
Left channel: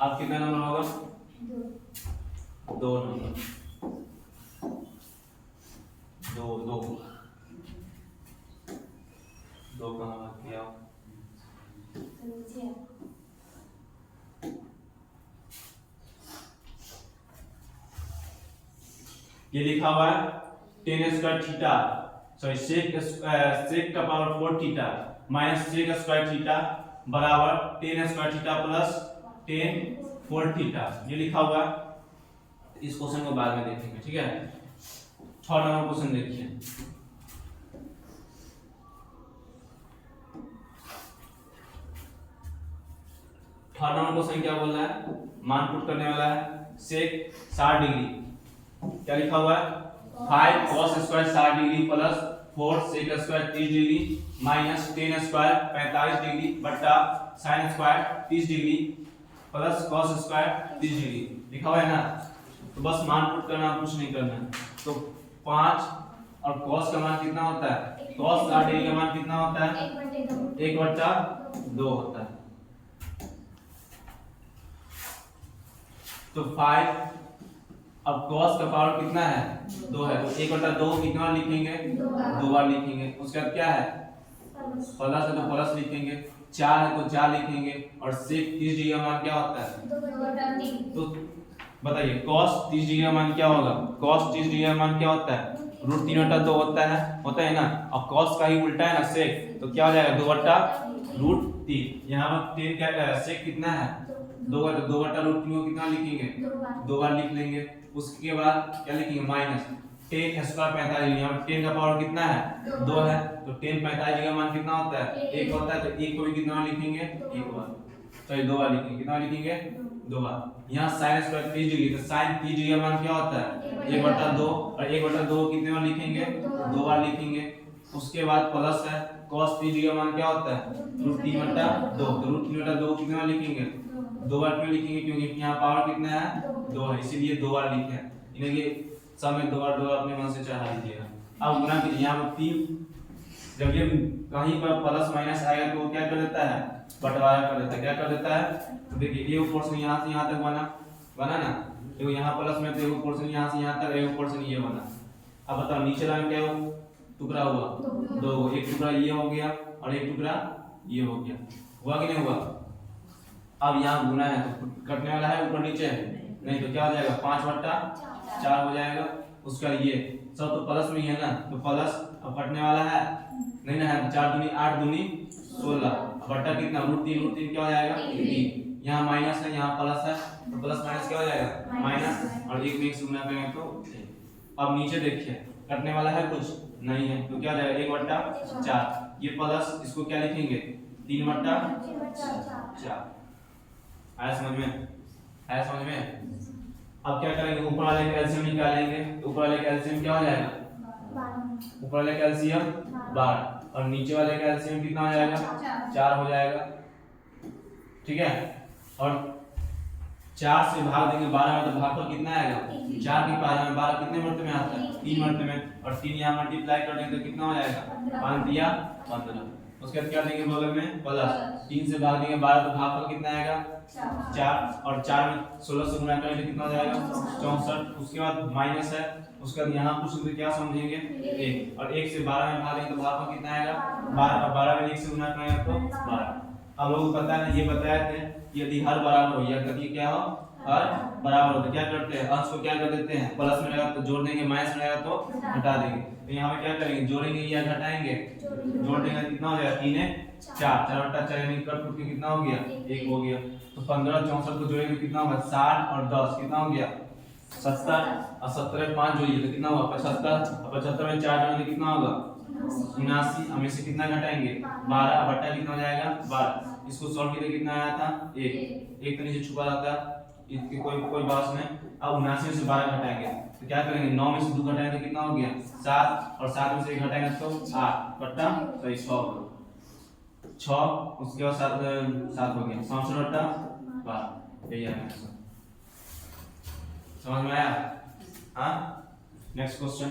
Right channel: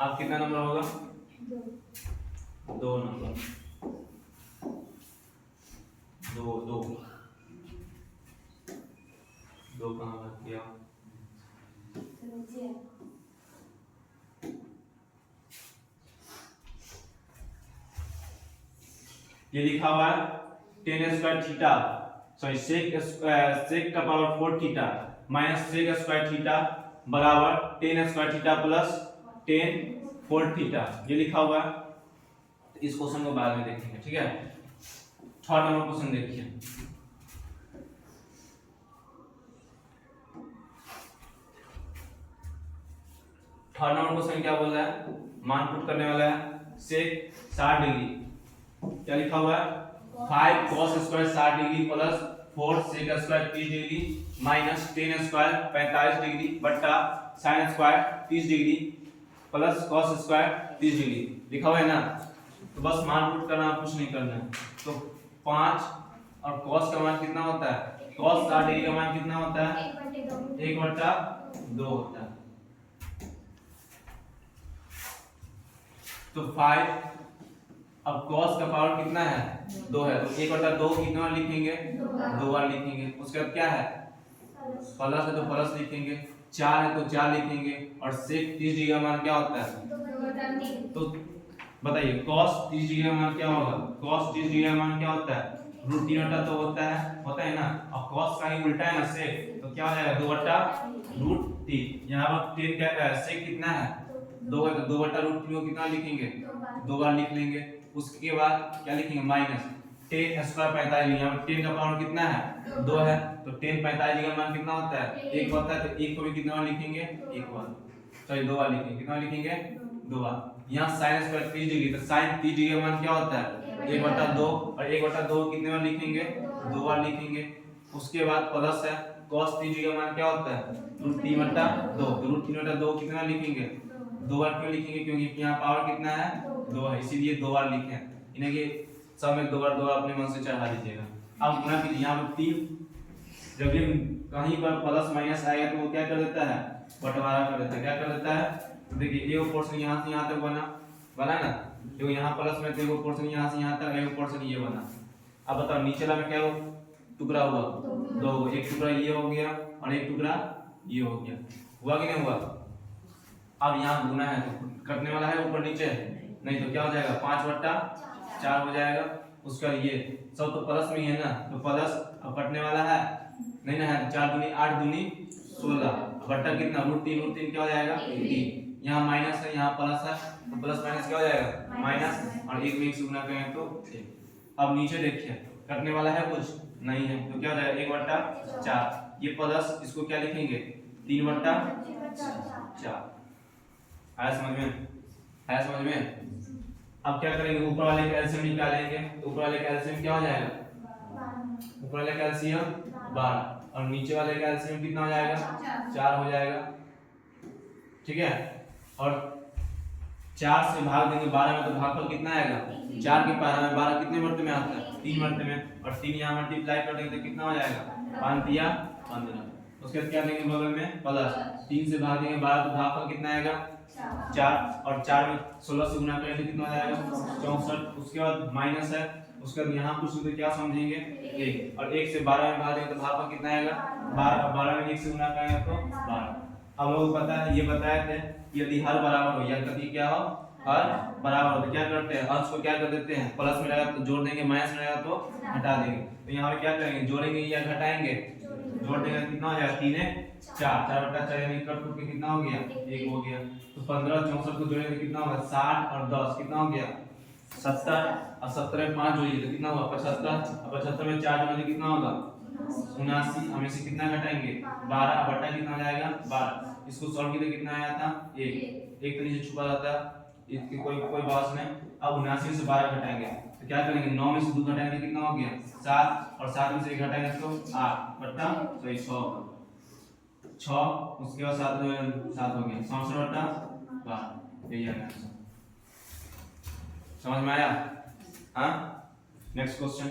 आप कितना नंबर होगा 2 नंबर 2 कहाँ रख दिया। ये लिखा हुआ है tan square theta sorry sec का power 4 theta minus sec square theta बराबर tan square theta plus tan 4 theta. ये लिखा हुआ है। इस क्वेश्चन को बाद में देखेंगे ठीक है। 6 नंबर क्वेश्चन देखिए। थर्ड नंबर क्वेश्चन क्या बोल रहा है मान पुट करने वाला है sec 60 डिग्री क्या लिखा हुआ है 5 cos square 60 degree plus 4 sec square 30 degree minus tan square 45 degree बट्टा sin square 30 degree plus cos square 30 degree लिखा हुआ है ना। तो बस मान पुट करना कुछ नहीं करना है। तो 5 और cos का मान कितना होता है cos 60 डिग्री का मान कितना होता है 1/2 होता है। तो 5 अब cos का पावर कितना है 2 है तो 1/2 कितना बार लिखेंगे 2 बार लिखेंगे। उसके बाद क्या है प्लस है तो प्लस लिखेंगे, 4 है तो 4 लिखेंगे और sec 30 डिग्री का मान क्या होता है तो बताइए cos 30 डिग्री का मान क्या होगा? cos 30 डिग्री का मान क्या होता है? रूट 3/2 होता है ना। और cos का ही उल्टा है ना sec, तो क्या हो जाएगा 2/√3। यहाँ पर 10 क्या sec कितना है? 2/√3 को कितना लिखेंगे? 2 बार लिख लेंगे। उसके बाद क्या लिखेंगे? Minus 10 square 45। यहाँ पर 10 का पावर कितना है? 2 है, तो 10 45 का मान कितना होता है? 1 होता है, तो 1 को भी कितना बार लिखेंगे? 1 बार, सॉरी 2 बार लिखेंगे। कितना लिखेंगे? 2 बार। यहाँ साइन स्क्वायर 30 डिग्री, तो साइन 30 डिग्री का मान क्या होता है? 1/2, और 1/2 कितने बार लिखेंगे? 2 बार लिखेंगे। उसके बाद प्लस है cos 30 डिग्री का मान क्या होता है? √3/2, तो √3/2 कितने बार लिखेंगे? 2 बार। क्यों लिखेंगे? क्योंकि यहाँ पावर कितना है? 2 है, इसीलिए 2 बार लिखे हैं। इन्हें के सब में 2 बार अपने मन से चढ़ा दीजिएगा। अब गुना कीजिए। यहाँ पर 3, जब ये कहीं पर प्लस माइनस आएगा तो वो क्या कर देता है? बंटवारा कर देता है। क्या कर देता है? तो देखिए एक पोर्शन यहाँ से यहाँ तक बना ना, देखो यहाँ प्लस में, तो एक पोर्शन यहाँ से यहाँ तक, एक पोर्शन ये बना। अब बताओ नीचे वाला क्या टुकड़ा हुआ? 2, एक टुकड़ा ये हो गया और एक टुकड़ा ये हो गया। हुआ कि नहीं हुआ? अब यहाँ गुना है तो कटने वाला है ऊपर नीचे, नहीं तो क्या हो जाएगा? 5/4 हो जाएगा। उसका ये सब तो प्लस में ही है ना, तो प्लस। अब कटने वाला है नहीं ना, है 4 दूनी 8 दूनी 16, बट्टा कितना? √3 क्या हो जाएगा? 3। यहाँ माइनस है, यहाँ प्लस है, तो प्लस माइनस क्या हो जाएगा? माइनस, और एक में एक से गुना करेंगे तो 1। अब नीचे देखिए कटने वाला है कुछ नहीं है, तो क्या हो जाएगा? 1/4। ये प्लस, इसको क्या लिखेंगे? 3/4। आया समझ में? आया समझ में? अब क्या करेंगे? ऊपर वाले का एलसीएम निकालेंगे। तो ऊपर वाले का एलसीएम क्या हो जाएगा? ऊपर वाले का एलसीएम 12, और नीचे वाले का एलसीएम कितना हो जाएगा? 4 हो जाएगा। ठीक है, और 4 से भाग देंगे 12 में, तो भागफल कितना आएगा? 4 की पावर में 12 कितने मर्ते में आता है? 3 मर्ते में, और 3 यहाँ मल्टीप्लाई कर देंगे तो कितना हो जाएगा? 5 या 15। उसके बाद क्या देंगे बगल में? प्लस। 3 से भाग देंगे 12, तो भागफल कितना आएगा? 4, और 4 में 16 से गुना करेंगे तो कितना हो जाएगा? 64। उसके बाद माइनस है, उसके बाद यहाँ कुछ तो क्या समझेंगे? 1, और 1 से 12 में भाग देंगे तो भागफल कितना आएगा? 12, और 12 में 1 से गुना करेंगे तो 12। अब लोगों को पता है, ये बताए थे यदि हर बराबर हो, या कभी क्या हो? हर बराबर हो, तो क्या करते हैं? अंश को क्या कर देते हैं? प्लस में रहेगा तो जोड़ देंगे, माइनस में रहेगा तो घटा देंगे। तो यहाँ पे क्या करेंगे? जोड़ेंगे या घटाएंगे? जोड़ देंगे, कितना हो जाएगा? 3 4, 4/4 यानी कट के कितना हो गया? 1 हो गया। तो 15 64 को जोड़ेंगे कितना होगा? 60 और 10 कितना हो गया? 70, और 70 में 5 जोड़िए तो कितना हुआ? 75, और 75 में 4 जोड़ेंगे कितना होगा? 79। हमें से कितना घटाएंगे? 12, बट्टा कितना हो जाएगा? 12। इसको सॉल्व किया कितना आया था? 1 तो नीचे छुपा रहता, इसकी कोई बात नहीं। अब 79 में से 12 घटाएंगे तो क्या करेंगे? 9 में से 2 घटाएंगे तो कितना हो गया? 7, और 7 में से 1 घटाएंगे तो 8 बट्टा 6। उसके बाद 7 हो गया 64/12। यही है आंसर। समझ में आया? हाँ, नेक्स्ट क्वेश्चन।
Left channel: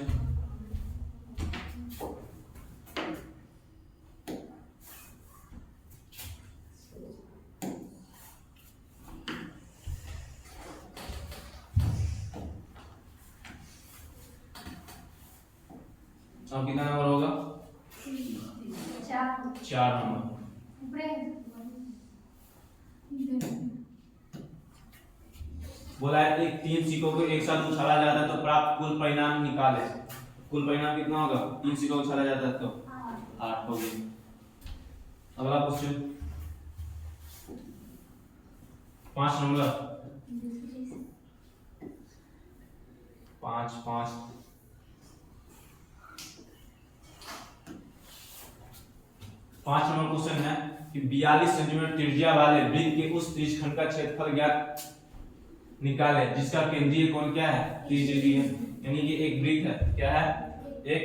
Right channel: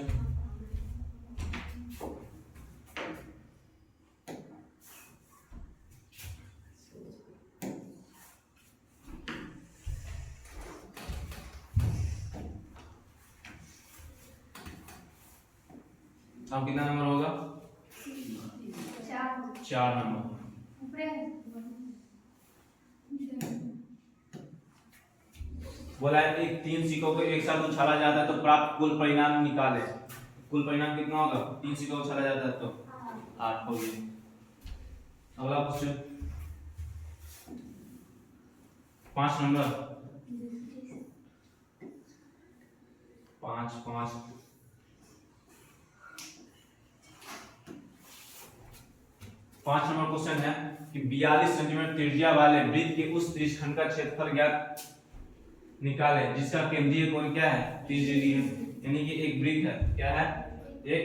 अब कितना नंबर होगा? 4 नंबर। बोला है कि 3 सिक्कों को एक साथ उछाला जाता है तो प्राप्त कुल परिणाम निकाले। कुल परिणाम कितना होगा? 3 सिक्कों को उछाला जाता है तो 8 हो गया। अगला क्वेश्चन 5 नंबर। 5 नंबर क्वेश्चन है कि 42 सेंटीमीटर त्रिज्या वाले वृत्त के उस त्रिज्यखंड का क्षेत्रफल ज्ञात निकाले जिसका केंद्रीय कोण क्या है? 30 डिग्री है। यानी कि एक वृत्त है। क्या है? एक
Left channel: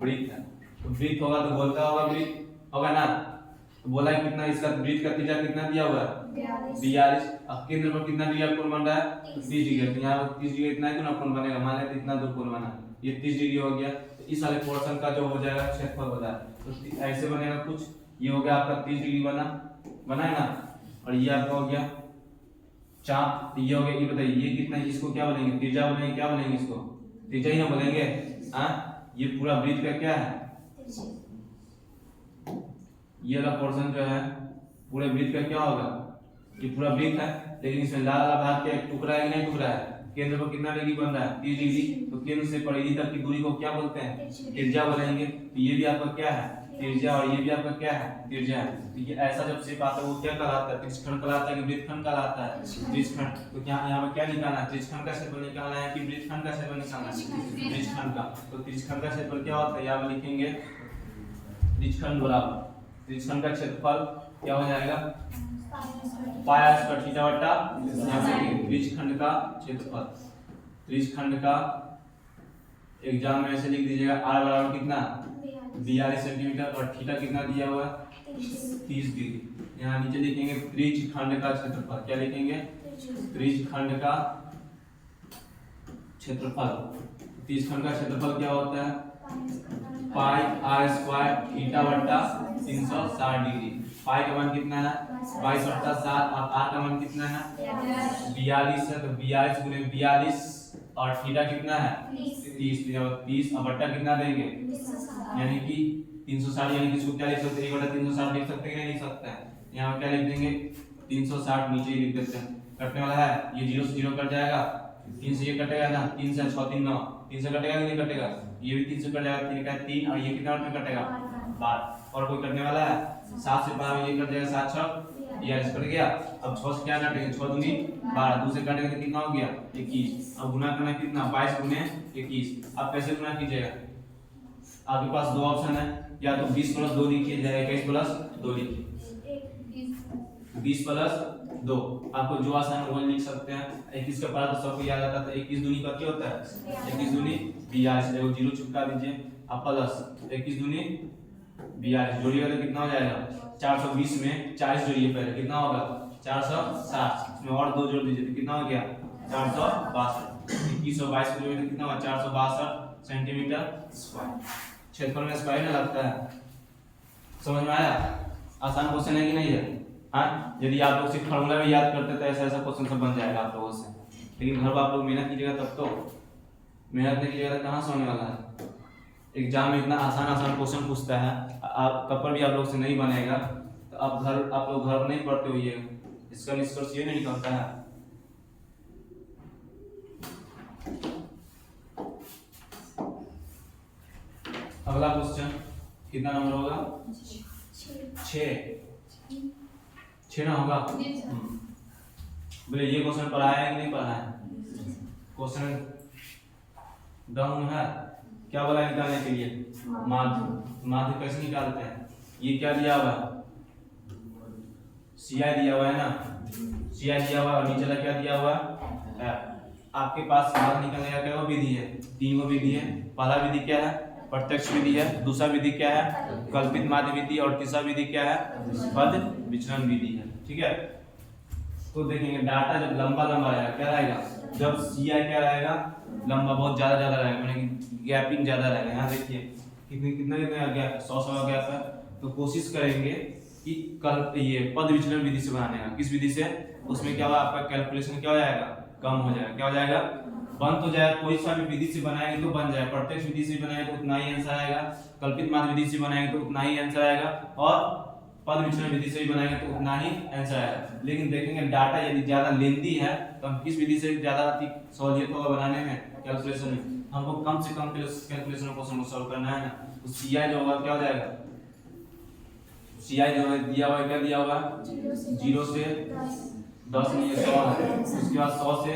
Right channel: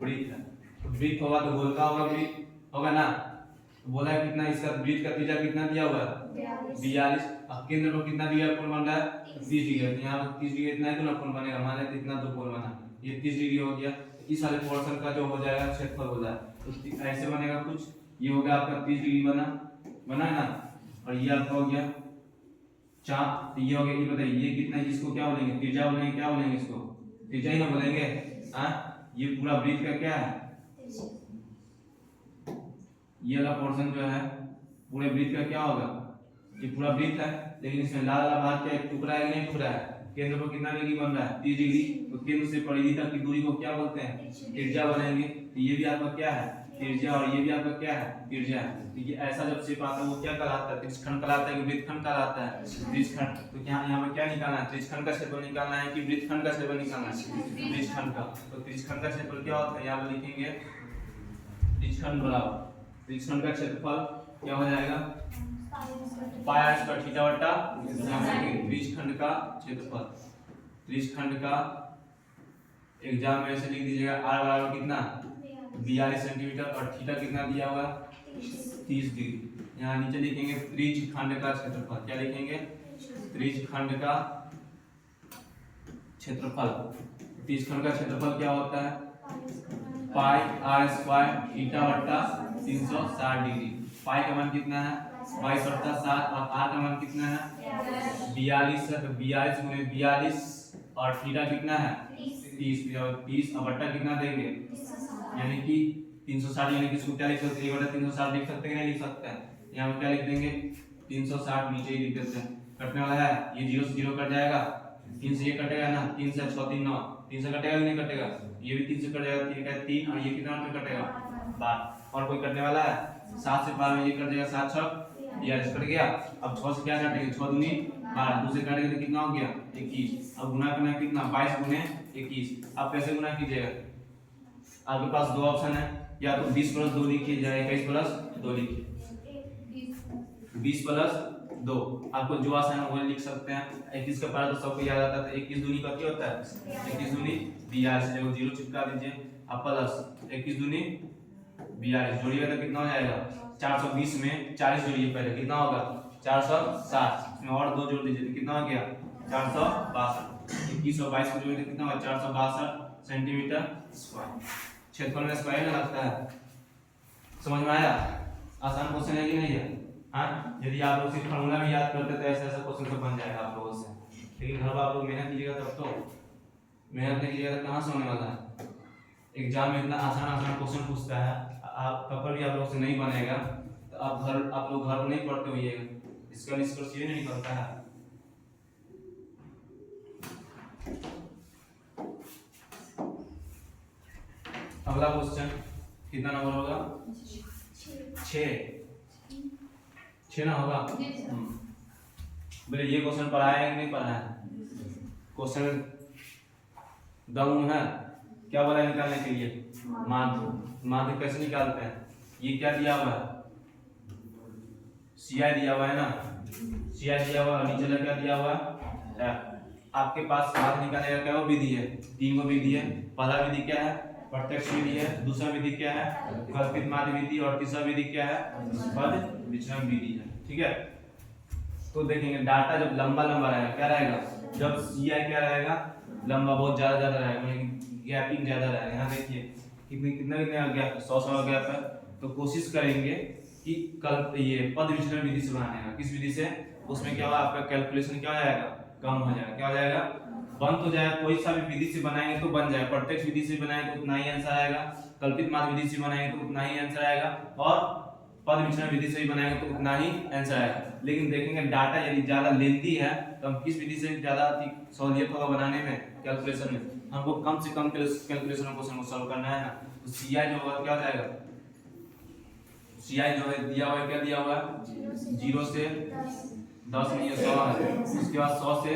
वृत्त है। तो वृत्त होगा तो गोल का होगा, वृत्त होगा ना। तो बोला है कितना इसका वृत्त का त्रिज्या कितना दिया हुआ है? 42। अब केंद्र पर कितना डिग्री कोण बन रहा है? 30 डिग्री। तो यहाँ 30 डिग्री इतना ही तो ना कोण बनेगा, मान लेते इतना तो कोण बना, ये 30 डिग्री हो गया। तो इस वाले पोर्शन का जो हो जाएगा क्षेत्रफल हो जाएगा, तो ऐसे बनेगा कुछ। ये हो गया आपका 30 डिग्री बना है ना, और ये आपका हो गया चाप। ये हो गया। ये बताइए ये कितना, इसको क्या बोलेंगे? त्रिज्या बोलेंगे। क्या बोलेंगे इसको? त्रिज्या ही ना बोलेंगे। हाँ, ये पूरा वृत्त का क्या है? ये वाला पोर्शन जो है पूरे वृत्त का क्या होगा? ये पूरा वृत्त है, लेकिन इसमें लाल वाला भाग क्या एक टुकड़ा है कि नहीं टुकड़ा है? केंद्र पर कितना डिग्री बन रहा है 30 डिग्री। तो केंद्र से परिधि तक की दूरी को क्या बोलते हैं त्रिज्या बोलेंगे। तो ये भी आपका क्या है त्रिज्या और ये भी आपका क्या है त्रिज्या है। तो ये ऐसा जब शेप आता है वो क्या कहलाता है त्रिज्यखंड कहलाता है कि वृत्तखंड कहलाता है त्रिज्यखंड। तो यहाँ पर क्या निकालना है त्रिज्यखंड का क्षेत्रफल निकालना है कि वृत्तखंड का क्षेत्रफल निकालना है त्रिज्यखंड का। तो त्रिज्यखंड का क्षेत्रफल क्या होता है यहाँ पर लिखेंगे त्रिज्यखंड बराबर त्रिज्यखंड का क्षेत्रफल क्या हो जाएगा पाई स्क्वायर थीटा बटा यहाँ पे त्रिज्यखंड का क्षेत्रफल। त्रिज्यखंड का एग्जाम में ऐसे लिख दीजिएगा r बराबर कितना 42 सेंटीमीटर और थीटा कितना दिया हुआ 30 डिग्री। यहाँ नीचे लिखेंगे त्रिज्यखंड का क्षेत्रफल। क्या लिखेंगे त्रिज्यखंड का क्षेत्रफल। त्रिज्यखंड का क्षेत्रफल क्या होता है पाई r स्क्वायर थीटा बटा 360 डिग्री। पाई का मान कितना है 22/7 और r का मान कितना है 42 है। तो 42 गुने 42 और थीटा कितना है 30 और बट्टा कितना देंगे यानी कि 360 यानी कि सूत्र लिख सकते हैं 1/360 लिख सकते हैं कि नहीं लिख सकते हैं। यहाँ पे क्या लिख देंगे 360 नीचे ही लिख देते हैं। कटने वाला है ये 0 से 0 कट जाएगा 3 से ये कटेगा ना 3 से 6 3 9 3 से कटेगा कि नहीं कटेगा ये भी 3 से कट जाएगा 3 का 3 और ये कितना में कटेगा 12 और कोई कटने वाला है 7 से 12 में ये कट जाएगा 7 6 42 कट गया। अब 6 से क्या कटेगा 6 दूनी 12 2 से कटेगा तो कितना हो गया 21। अब गुना करना कितना 22 गुने 21। अब कैसे गुना कीजिएगा आपके पास दो ऑप्शन है या तो 20 + 2 लिखिए या 21 + 2 लिखिए 20 + 2 आपको जो आसान वो लिख सकते हैं। 21 का पहला तो सबको याद आता है 21 दूनी का क्या होता है 21 दूनी 42 देखो 0 चिपका दीजिए अब प्लस 21 दूनी 42 जोड़िएगा तो कितना हो जाएगा 420 में 40 जोड़िए पहले कितना होगा 460 इसमें और 2 जोड़ दीजिए तो कितना हो गया 462। 21 और 22 को जोड़े तो कितना हुआ 462 सेंटीमीटर स्क्वायर। क्षेत्रफल में स्क्वायर में लगता है। समझ में आया आसान क्वेश्चन है कि नहीं है। हाँ यदि आप लोग सिर्फ फॉर्मूला में याद करते तो ऐसा ऐसा क्वेश्चन सब बन जाएगा आप लोगों से। लेकिन घर आप लोग मेहनत कीजिएगा तब तो मेहनत नहीं कीजिएगा कहाँ से होने वाला है। एग्जाम में इतना आसान क्वेश्चन पूछता है आप कपर भी आप लोग से नहीं बनेगा तो आप लोग घर नहीं पढ़ते हुए इसका निष्कर्ष ये नहीं निकलता है। अगला क्वेश्चन कितना नंबर होगा 6 ना होगा। बोले ये क्वेश्चन पढ़ाया है कि नहीं पढ़ा है क्वेश्चन दम है क्या बोला निकालने के लिए माध्य कैसे निकालते हैं। ये क्या दिया हुआ है CI दिया हुआ है ना CI दिया हुआ है और नीचे क्या दिया हुआ है आपके पास माध्य निकालने का क्या विधि है 3 विधि है। पहला विधि क्या है प्रत्यक्ष विधि है। दूसरा विधि क्या है कल्पित माध्य विधि और तीसरा विधि क्या है पद विचलन विधि है। ठीक है तो देखेंगे डाटा जब लंबा रहेगा क्या रहेगा जब CI क्या रहेगा लंबा बहुत ज्यादा रहेगा गैपिंग ज्यादा रहेगा। यहाँ देखिए कितना गैप 100 का गैप है। तो कोशिश करेंगे कि ये पद विचलन विधि से बनाने का। किस विधि से उसमें क्या होगा आपका कैलकुलेशन क्या हो जाएगा कम हो जाएगा। क्या हो जाएगा बन तो जाएगा कोई सा भी विधि से बनाएंगे तो बन जाएगा। प्रत्यक्ष विधि से बनाएंगे तो उतना ही आंसर आएगा। कल्पित माध्य विधि से बनाएंगे तो उतना ही आंसर आएगा और पद विचलन विधि से भी बनाएंगे तो उतना ही आंसर आएगा। लेकिन देखेंगे डाटा यदि ज्यादा लेंथी है तो हम किस विधि से ज्यादा सहूलियत होगा बनाने में कैलकुलेशन में हमको कम से कम कैलकुलेशन क्वेश्चन को सॉल्व करना है ना। तो CI जो होगा क्या हो जाएगा CI जो है दिया हुआ है क्या दिया हुआ है 0 से 10 में 100 है। उसके बाद 100 से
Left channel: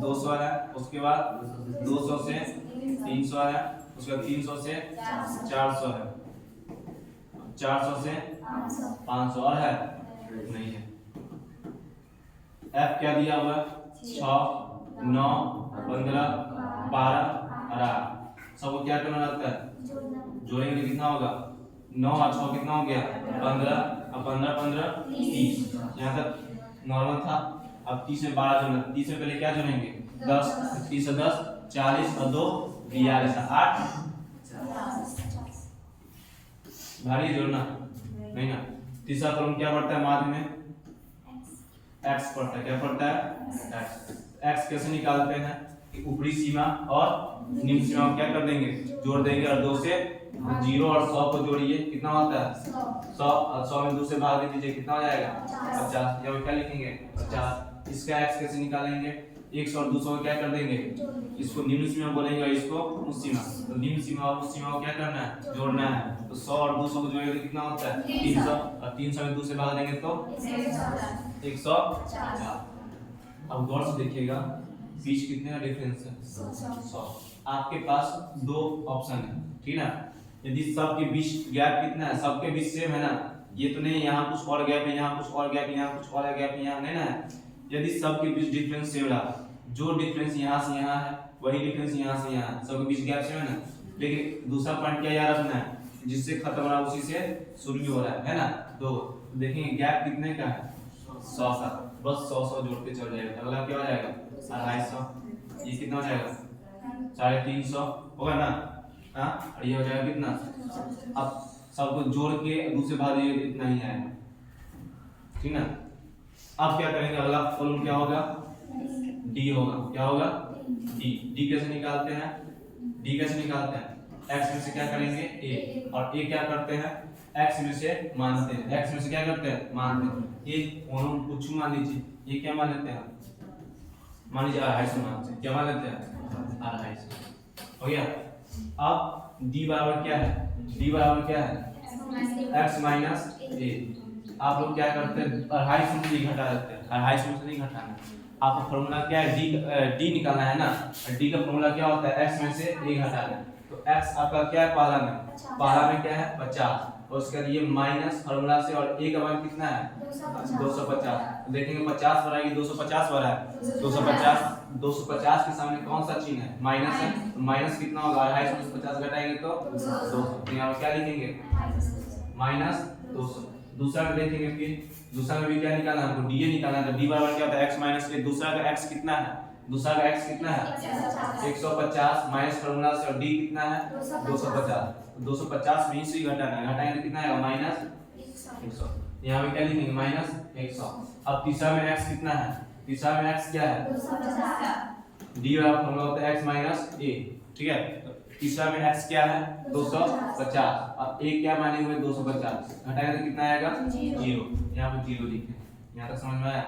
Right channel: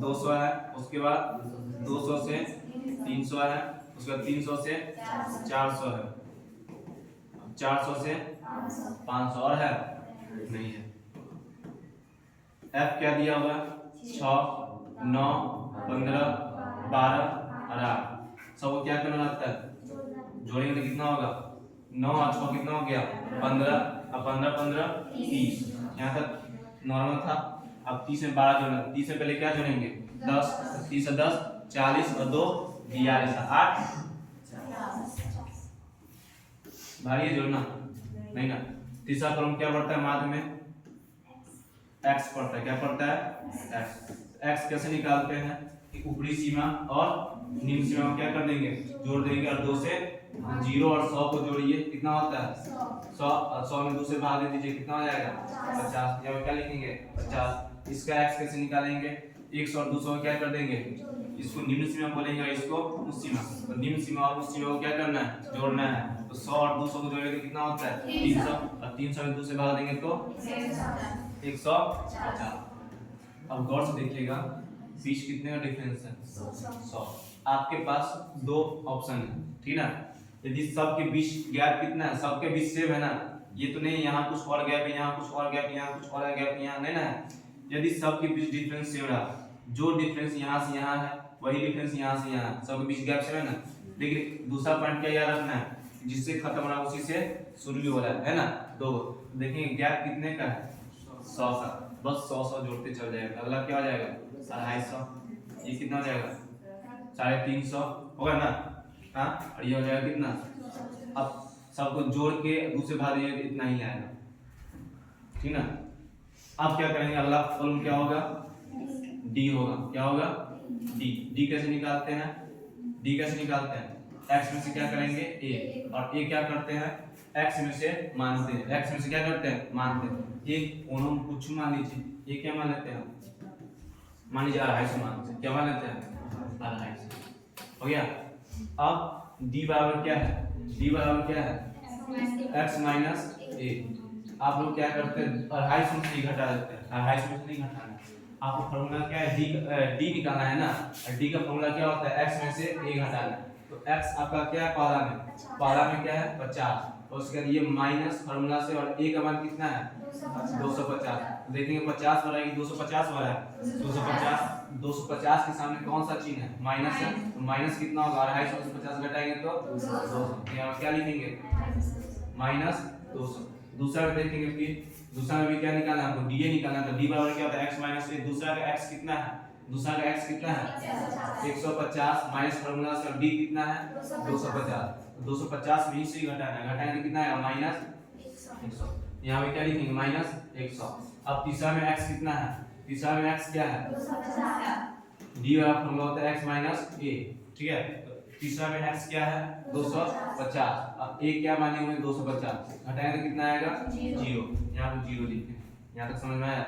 200 है। उसके बाद 200 से 300 है। उसके बाद 300 से 400 है। 400 से 500 और है नहीं है। F क्या दिया हुआ है 6 9 15 12 और 8 सबको क्या करना रहता है जोड़ेंगे तो कितना होगा 9 और 6 कितना हो गया 15 और 15 15 30। यहाँ तक नॉर्मल था। अब 30 में 12 जोड़ना 30 में पहले क्या जोड़ेंगे 10 30 से 10 40 और 2 42 8 भारी जोड़ना नहीं ना। तीसरा कॉलम क्या पड़ता है माध्य में x पड़ता है। क्या पड़ता है x कैसे निकालते हैं ऊपरी सीमा और निम्न सीमा में क्या कर देंगे जोड़ देंगे और 2 से 0 और 100 को जोड़िए कितना होता है 100 में 2 से भाग दे दीजिए कितना हो जाएगा 50। यहाँ क्या लिखेंगे 50। इसका x कैसे निकालेंगे 100 और 200 को क्या कर देंगे, इसको निम्न सीमा बोलेंगे और इसको उच्च सीमा। तो निम्न सीमा और उच्च सीमा को क्या करना है, जोड़ना है। तो 100 और 200 को जोड़ेंगे तो कितना होता है 300, और 300 में 2 से भाग देंगे तो 150। अब गौर से देखिएगा बीच कितने का डिफरेंस है 100। आपके पास दो ऑप्शन है, ठीक ना। यदि सबके बीच गैप कितना है, सबके बीच सेम है ना, ये तो नहीं यहाँ कुछ और गैप है, यहाँ कुछ और गैप है, यहाँ कुछ और गैप है, यहाँ नहीं ना है। यदि सबके बीच डिफरेंस सेम रहा, जो डिफरेंस यहाँ से यहाँ है वही डिफरेंस यहाँ से यहाँ, सबके बीच गैप सेम है ना। लेकिन दूसरा पॉइंट क्या याद रखना है, जिससे खत्म हो रहा है उसी से शुरू भी हो रहा है ना। तो देखेंगे गैप कितने का है 100 का, बस 100 जोड़ते चल जाएगा। अगला क्या हो जाएगा 250, ये कितना हो जाएगा 350 होगा ना। हाँ, और ये हो जाएगा कितना, अब सबको जोड़ के दूसरे भाग दीजिए तो इतना ही आएगा, ठीक ना। अब क्या करेंगे, अगला कॉलम क्या होगा डी होगा। क्या होगा डी। डी कैसे निकालते हैं, डी कैसे निकालते हैं, एक्स में से क्या करेंगे ए, और ए क्या करते हैं एक्स में से मानते हैं, एक्स में से क्या करते हैं मानते हैं। एक कुछ मान लीजिए, ये क्या मान लेते हैं, मान लीजिए 250 मानते हैं, क्या मान लेते हैं 250 हो गया। अब डी बराबर क्या है, डी बराबर क्या है x माइनस ए। आप लोग क्या करते हैं 250 में से घटा देते हैं, 250 में से नहीं घटाना, आपको फॉर्मूला क्या है डी निकालना है ना। और डी का फॉर्मूला क्या होता है x में से a घटाना। तो x आपका क्या है पहला में क्या है 50, और उसके बाद ये माइनस फॉर्मूला से, और a का मान कितना है 250। तो देखेंगे 50 बड़ा है 250 बड़ा है 250 के सामने कौन सा चिन्ह है माइनस है। तो माइनस कितना होगा 250 में से 50 घटाएंगे तो 200। यहाँ क्या लिखेंगे -200। दूसरा में देखेंगे, फिर दूसरा में भी क्या निकालना है हमको डी निकालना है। तो डी बराबर क्या होता है x माइनस ए। दूसरा का x कितना है, दूसरा का x कितना है 150 माइनस फॉर्मूला से, और डी कितना है 250। 250 में से घटाना है, घटाएंगे तो कितना आएगा -100। यहाँ पे क्या लिखेंगे -100। अब तीसरा में x कितना है, तीसरा में x क्या है डी वाला फॉर्मूला होता है x माइनस ए, ठीक है। तो तीसरा में x क्या है 250, अब a क्या माने हुए 250, घटाएंगे तो कितना आएगा 0। यहाँ पे 0 लिखें, यहाँ तक समझ में आया।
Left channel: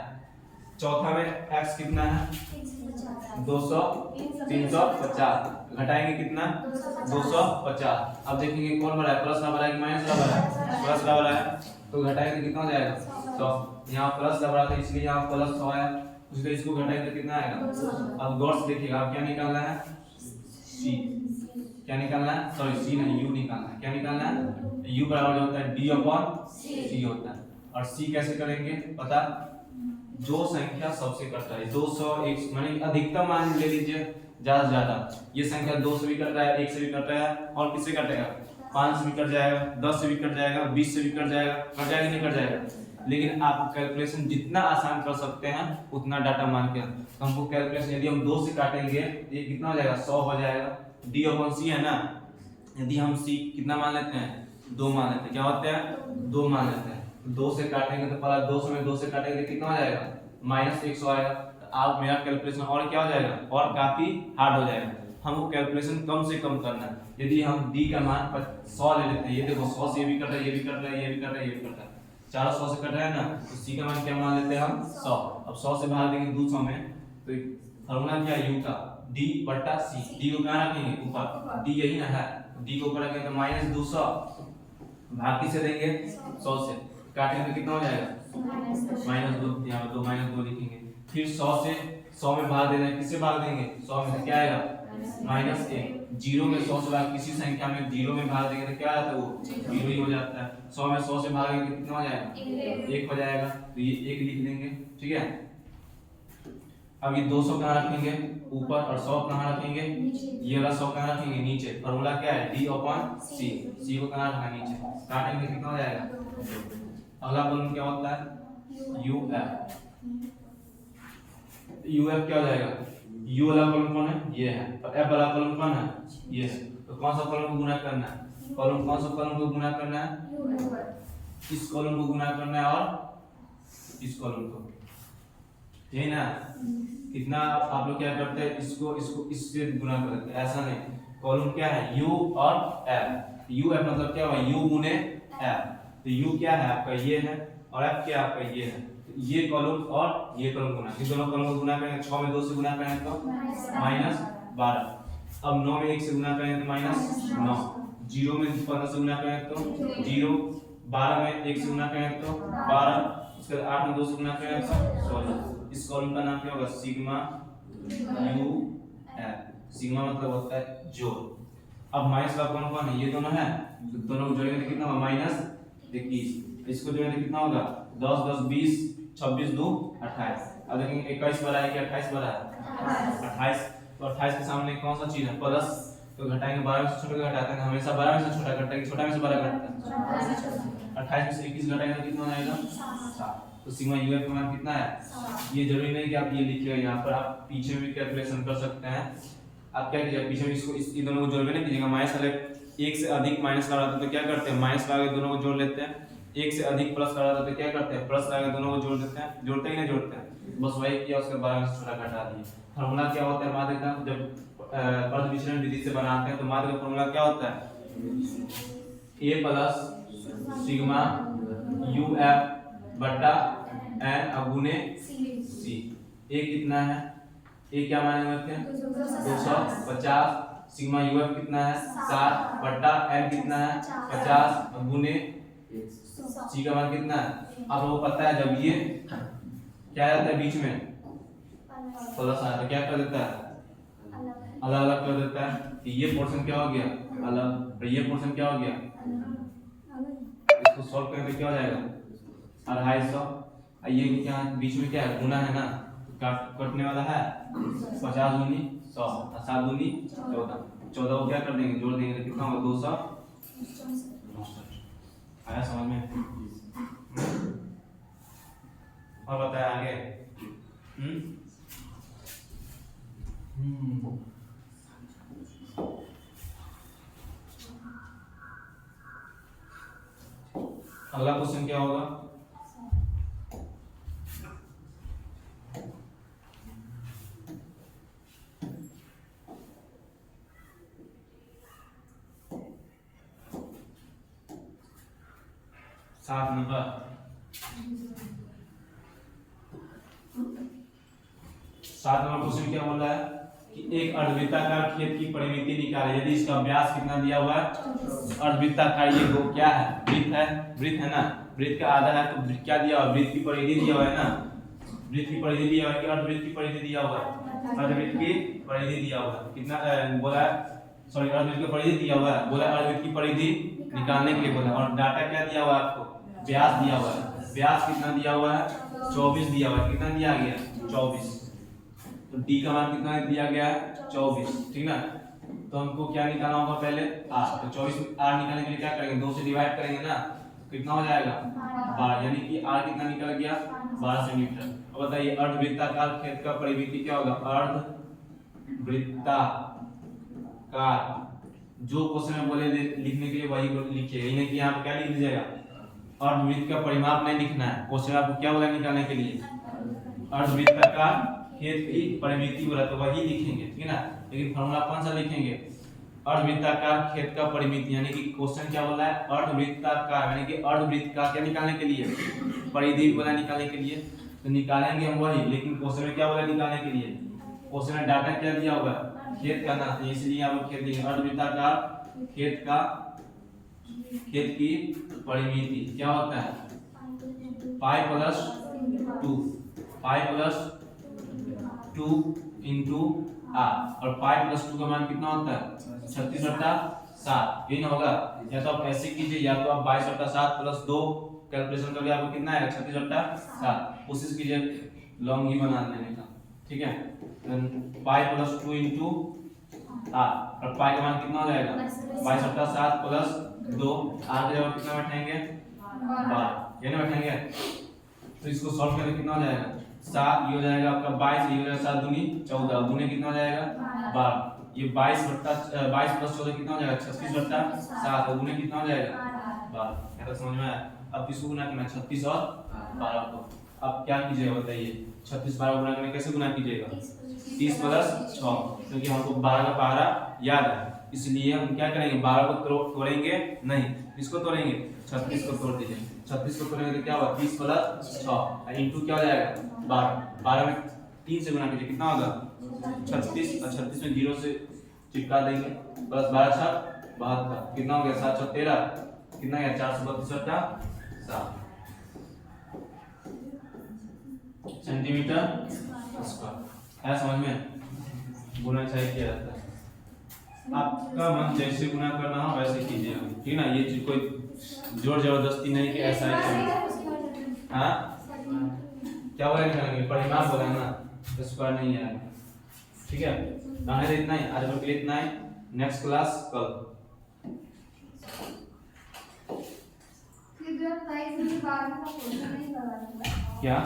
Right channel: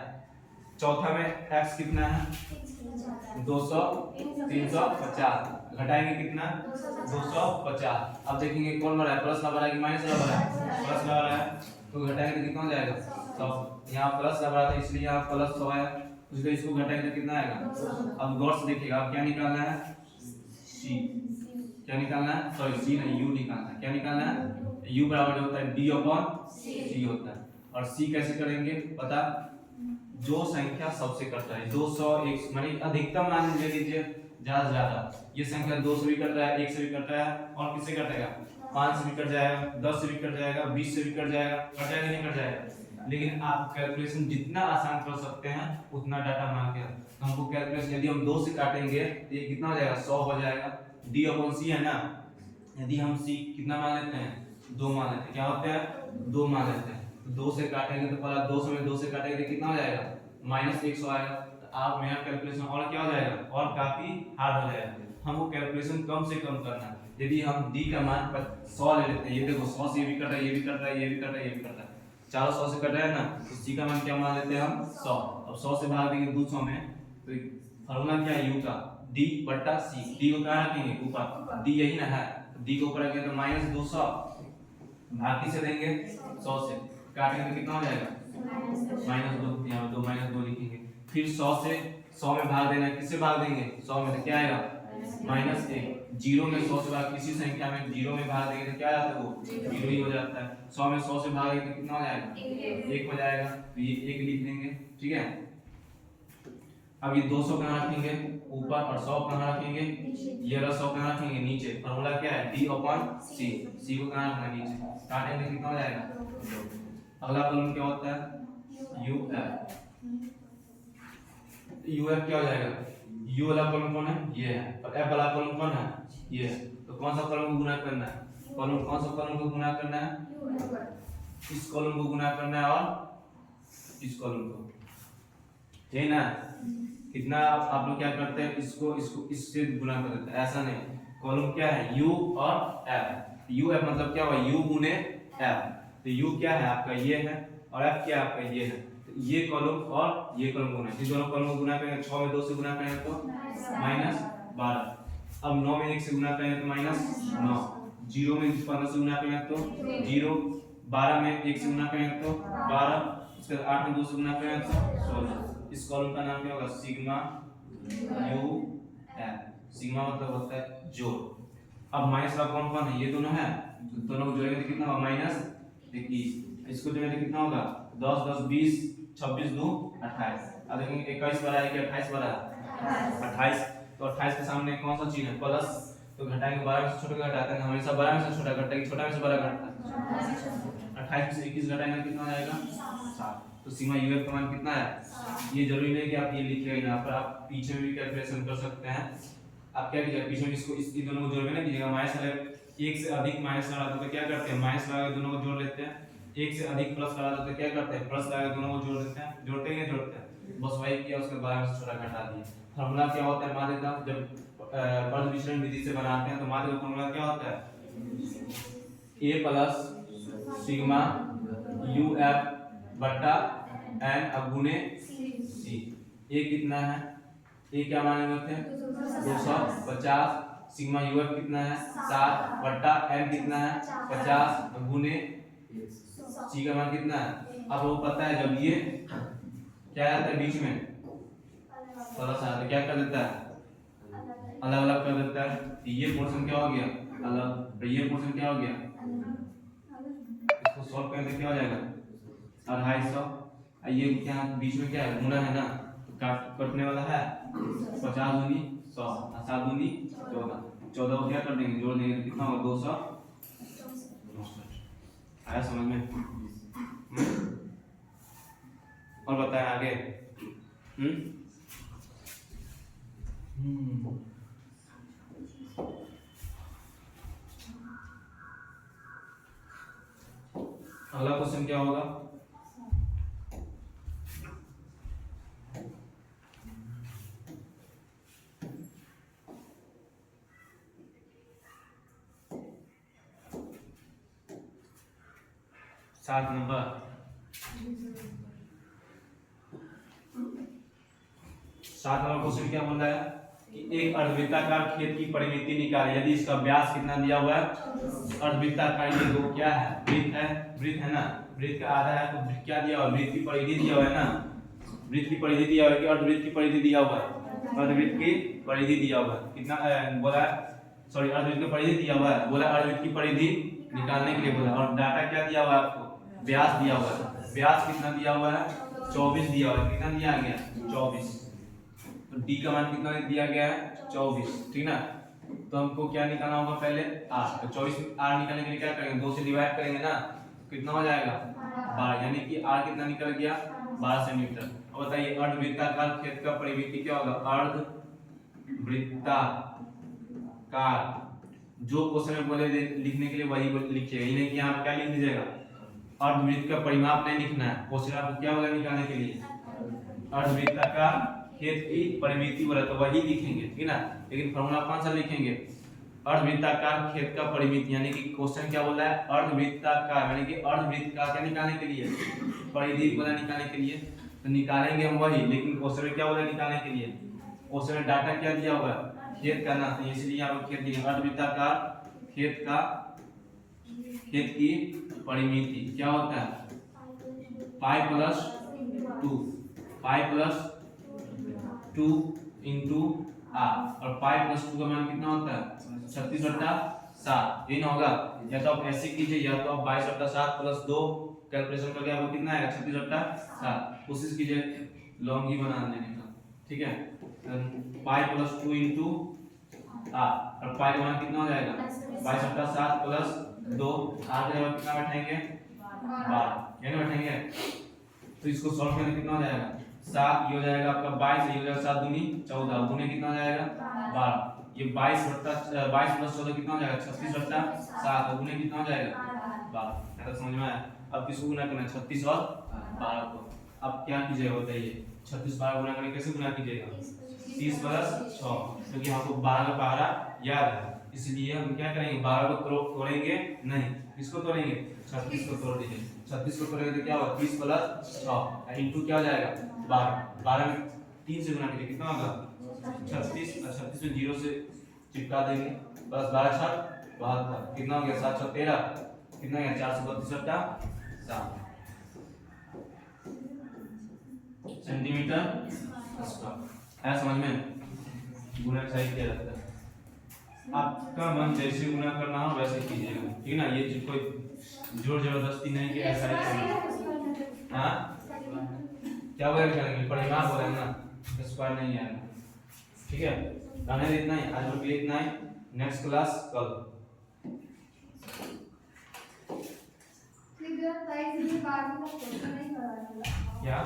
चौथा में x कितना है 350, घटाएंगे कितना 250। अब देखेंगे कौन बड़ा है, प्लस वाला बड़ा है कि माइनस वाला बड़ा है, प्लस वाला बड़ा है। तो घटाएंगे तो कितना हो जाएगा 100। यहाँ प्लस वाला था इसलिए यहाँ प्लस 100 आया, उसको इसको घटाएंगे तो कितना आएगा। अब गौर से देखिएगा, अब क्या निकालना है c, क्या निकालना है सॉरी c नहीं u निकालना है। क्या निकालना है u बराबर जो होता है d/c होता है। और c कैसे करेंगे पता, जो संख्या सबसे कट रहा है 200 1 माने अधिकतम मान ले लीजिए ज्यादा से ज्यादा, ये संख्या 2 से भी कट रहा है, 1 से भी कट रहा है, और किससे कटेगा 5 से भी कट जाएगा, 10 से भी कट जाएगा, 20 से भी कट जाएगा, कट जाएगा नहीं कट जाएगा। लेकिन आप कैलकुलेशन जितना आसान कर सकते हैं उतना डाटा मान के हमको कैलकुलेशन, यदि हम 2 से काटेंगे तो ये कितना हो जाएगा 100 हो जाएगा। d/c है ना, यदि हम c कितना मान लेते हैं 2 मान लेते हैं, क्या होता है 2 मान लेते हैं। 2 से काटेंगे तो पहला 200 में 2 से काटेंगे तो कितना हो जाएगा -100 आएगा। तो आप मेरा कैलकुलेशन और क्या हो जाएगा और काफी हार्ड हो जाएगा। हमको कैलकुलेशन कम से कम करना है। यदि हम d का मान 100 ले लेते हैं, ये देखो 100 से ये भी कट रहा है, ये भी कट रहा है, ये भी कट रहा है, ये भी कट रहा है, चारों 100 से कट रहा है ना। तो c का मान क्या मान लेते हैं हम 100। अब 100 से भाग देंगे 200 में, तो फॉर्मूला क्या है u का d/c। d को कहाँ रखेंगे ऊपर, d यही ना है, d को ऊपर रखेंगे तो -200 भाग किसे देंगे 100 से, काटेंगे तो कितना हो जाएगा -2, यहाँ पे 2 लिखेंगे। फिर 100 से 100 में भाग देना है, किससे भाग देंगे 100 में, तो क्या आएगा -1। 0 में 100 से भाग, किसी संख्या में 0 में भाग देंगे तो क्या आ जाता है वो 0 ही हो जाता है। 100 में 100 से भागेंगे तो कितना हो जाएगा 1 हो जाएगा, तो ये 1 लिख देंगे, ठीक है। अब ये 200 कहाँ रखेंगे ऊपर, और 100 कहाँ रखेंगे, ये वाला 100 कहाँ रखेंगे नीचे। फॉर्मूला क्या है d/c, c को कहाँ रखना नीचे, काटेंगे कितना हो जाएगा। अगला कॉलम क्या होता है uf क्या हो जाएगा, u वाला कॉलम कौन है ये है, और f वाला कॉलम कौन है ये है। तो कौन सा कॉलम को गुना करना है, कॉलम कौन सा कॉलम को गुना करना है, इस कॉलम को गुना करना है और इस कॉलम को, ये ना। कितना आप लोग क्या करते हैं, इसको इसको इससे गुना कर देते हैं, ऐसा नहीं। कॉलम क्या है u और f, u f मतलब क्या होगा u गुने f। तो u क्या है आपका ये है, और f क्या आपका ये है। तो ये कॉलम और ये कॉलम गुना, इस दोनों कॉलम को गुना करेंगे, 6 में 2 से गुना करेंगे तो -12। अब 9 में 1 से गुना करेंगे तो -9, 0 में 15 से गुना करेंगे तो 0, 12 में 1 से गुना करेंगे तो 12, उसके बाद 8 में 2 से गुना करेंगे तो 16। इस कॉलम का नाम क्या होगा? Sigma U L. सिग्मा मतलब होता है जोड़। अब माइनस का कौन कौन है? ये दोनों है, तो दोनों को जोड़ेंगे तो कितना होगा? -21। इसको जोड़ेंगे तो कितना होगा? 10 10 20, 26 2 28। अब देखेंगे 21 बड़ा है कि 28 बड़ा है? 28। तो 28 के सामने कौन सा चीज है? प्लस। तो घटाएंगे, 12 में से छोटा का घटाते हैं, हमेशा 12 में से छोटा घटता है कि छोटा में से बड़ा घटता है? 28 में से 21 घटाएंगे तो कितना हो जाएगा? 7। तो सिग्मा यू का मान कितना है? ये जरूरी नहीं कि आप ये लिखिएगा, यहाँ पर आप पीछे भी कैलकुलेशन कर सकते हैं। आप क्या कीजिएगा, पीछे में इसको इस दोनों को जोड़ में नहीं कीजिएगा। माइनस वाले एक से अधिक माइनस लगा तो क्या करते हैं? माइनस लगा के दोनों को जोड़ लेते हैं। एक से अधिक प्लस लगा तो क्या करते हैं? प्लस लगा के दोनों को जोड़ देते हैं। जोड़ते हैं, जोड़ते हैं, बस वही किया, उसके 12 में से छोटा घटा दिए। फार्मूला क्या होता है? माध्य का जब अर्ध विचलन विधि से बनाते हैं तो माध्य का फार्मूला क्या होता है? a plus sigma U F बटा एन अगुने सी। ए कितना है? ए क्या माने होते हैं? 250। सिग्मा यू एफ कितना है? 7 बटा एन कितना है? 50 गुने सी का मान कितना है? अब वो पता है जब ये क्या आता है बीच में प्लस आता है, क्या कर देता है? अलग अलग कर देता है। तो ये पोर्शन क्या हो गया? अलग। तो ये पोर्शन क्या हो गया? इसको सॉल्व करें तो क्या हो जाएगा? 250। ये क्या बीच में क्या है? गुना है ना, कटने वाला है। 50 दूनी 100 और 7 दूनी 14। 14 को क्या कर देंगे? जोड़ देंगे तो कितना होगा? 269। आया समझ में? और बताएं आगे। अगला क्वेश्चन क्या होगा? सात नंबर। 7 नंबर क्वेश्चन क्या बोल रहा है कि एक अर्धवृत्ताकार खेत की परिमिति निकालें यदि इसका व्यास कितना दिया हुआ है? अर्धवृत्ताकार ये दो क्या है? वृत्त है, वृत्त है ना, वृत्त का आधा है तो क्या दिया हुआ? वृत्त की परिधि दिया हुआ है ना, वृत्त की परिधि दिया हुआ है कि अर्धवृत्त की परिधि दिया हुआ है? अर्धवृत्त की परिधि दिया हुआ है। कितना बोला? सॉरी, अर्धवृत्त की परिधि दिया हुआ है, बोला अर्धवृत्त की परिधि निकालने के लिए बोला। और डाटा क्या दिया हुआ है आपको? व्यास दिया हुआ है। व्यास कितना दिया हुआ है? 24 दिया हुआ है। कितना दिया गया? 24। तो d का मान कितना दिया गया है? 24, ठीक ना। तो हमको क्या निकालना होगा? पहले r। तो 24 में r निकालने के लिए क्या करेंगे? 2 से डिवाइड करेंगे ना, कितना हो जाएगा? 12, यानी कि r कितना निकल गया? 12 सेंटीमीटर। अब बताइए अर्धवृत्ताकार खेत का परिमिति क्या होगा? अर्धवृत्ताकार, जो क्वेश्चन में बोले लिखने के लिए वही लिखिए, ये नहीं कि यहाँ पे क्या लिख दीजिएगा? अर्धवृत्त का परिमाप नहीं लिखना है। क्वेश्चन आपको क्या बोला निकालने के लिए? अर्धवृत्ताकार खेत की परिमिति बोला तो वही लिखेंगे, ठीक है ना। लेकिन फॉर्मूला कौन सा लिखेंगे? अर्धवृत्ताकार खेत का परिमिति, यानी कि क्वेश्चन क्या बोला है? अर्धवृत्ताकार, यानी कि अर्धवृत्त का क्या निकालने के लिए? परिधि बोला निकालने के लिए। तो निकालेंगे हम वही, लेकिन क्वेश्चन में क्या बोला निकालने के लिए? क्वेश्चन में डाटा क्या दिया होगा? खेत का ना, इसलिए यहाँ पर खेत दिया। अर्धवृत्ताकार खेत का, खेत की परिमिति क्या होता है? Pi plus 2 into R. और पाई प्लस 2 का मान कितना होता है? 36/7। ये ना होगा, या तो आप ऐसे कीजिए या तो आप 22/7 प्लस 2 कैलकुलेशन करके आपको कितना आएगा? 36/7। कोशिश कीजिए लॉन्ग ही बना लेने का, ठीक है। पाई प्लस 2 इंटू आर, और पाई का मान कितना हो जाएगा? 22/7 प्लस 2। आर के जगह कितना बैठाएंगे? 12, ये ना बैठाएंगे। तो इसको सॉल्व करके कितना हो जाएगा? 7, ये हो जाएगा आपका 22, ये हो जाएगा 7 दूनी 14, गुने कितना हो जाएगा? 12। ये 22 प्लस 14 कितना हो जाएगा? 36/7, गुने कितना हो जाएगा? 12। क्या समझ में आया? अब किसको गुना करना है? 36 और 12 को। अब क्या कीजिएगा बताइए? 36 12 गुना करके कैसे गुना कीजिएगा? 30 प्लस 6, क्योंकि हमको 12 का पहाड़ा याद है, इसलिए हम क्या करेंगे? 12 को तोड़ेंगे नहीं। इसको तोड़ेंगे 36 को तोड़ दीजिए, 36 को तोड़ेंगे तो क्या होगा 30 प्लस 6 इंटू क्या हो जाएगा 12, 12 में 3 से गुना कीजिए कितना होगा 36, और 36 में 0 से चिपका देंगे, बस 12 6 72 कितना हो गया 7 6 13 कितना गया 432 का 7 सेंटीमीटर स्क्वायर। है समझ में? गुना चाहिए किया जाता है, आपका मन जैसे गुना करना हो वैसे कीजिएगा, ठीक है ना। ये चीज कोई जोर जबरदस्ती नहीं कि ऐसा है। हाँ क्या बोले करेंगे परिमाण बोले ना, स्क्वायर नहीं आएगा, ठीक है। रहने इतना ही आज के लिए, इतना ही। नेक्स्ट क्लास कल। क्या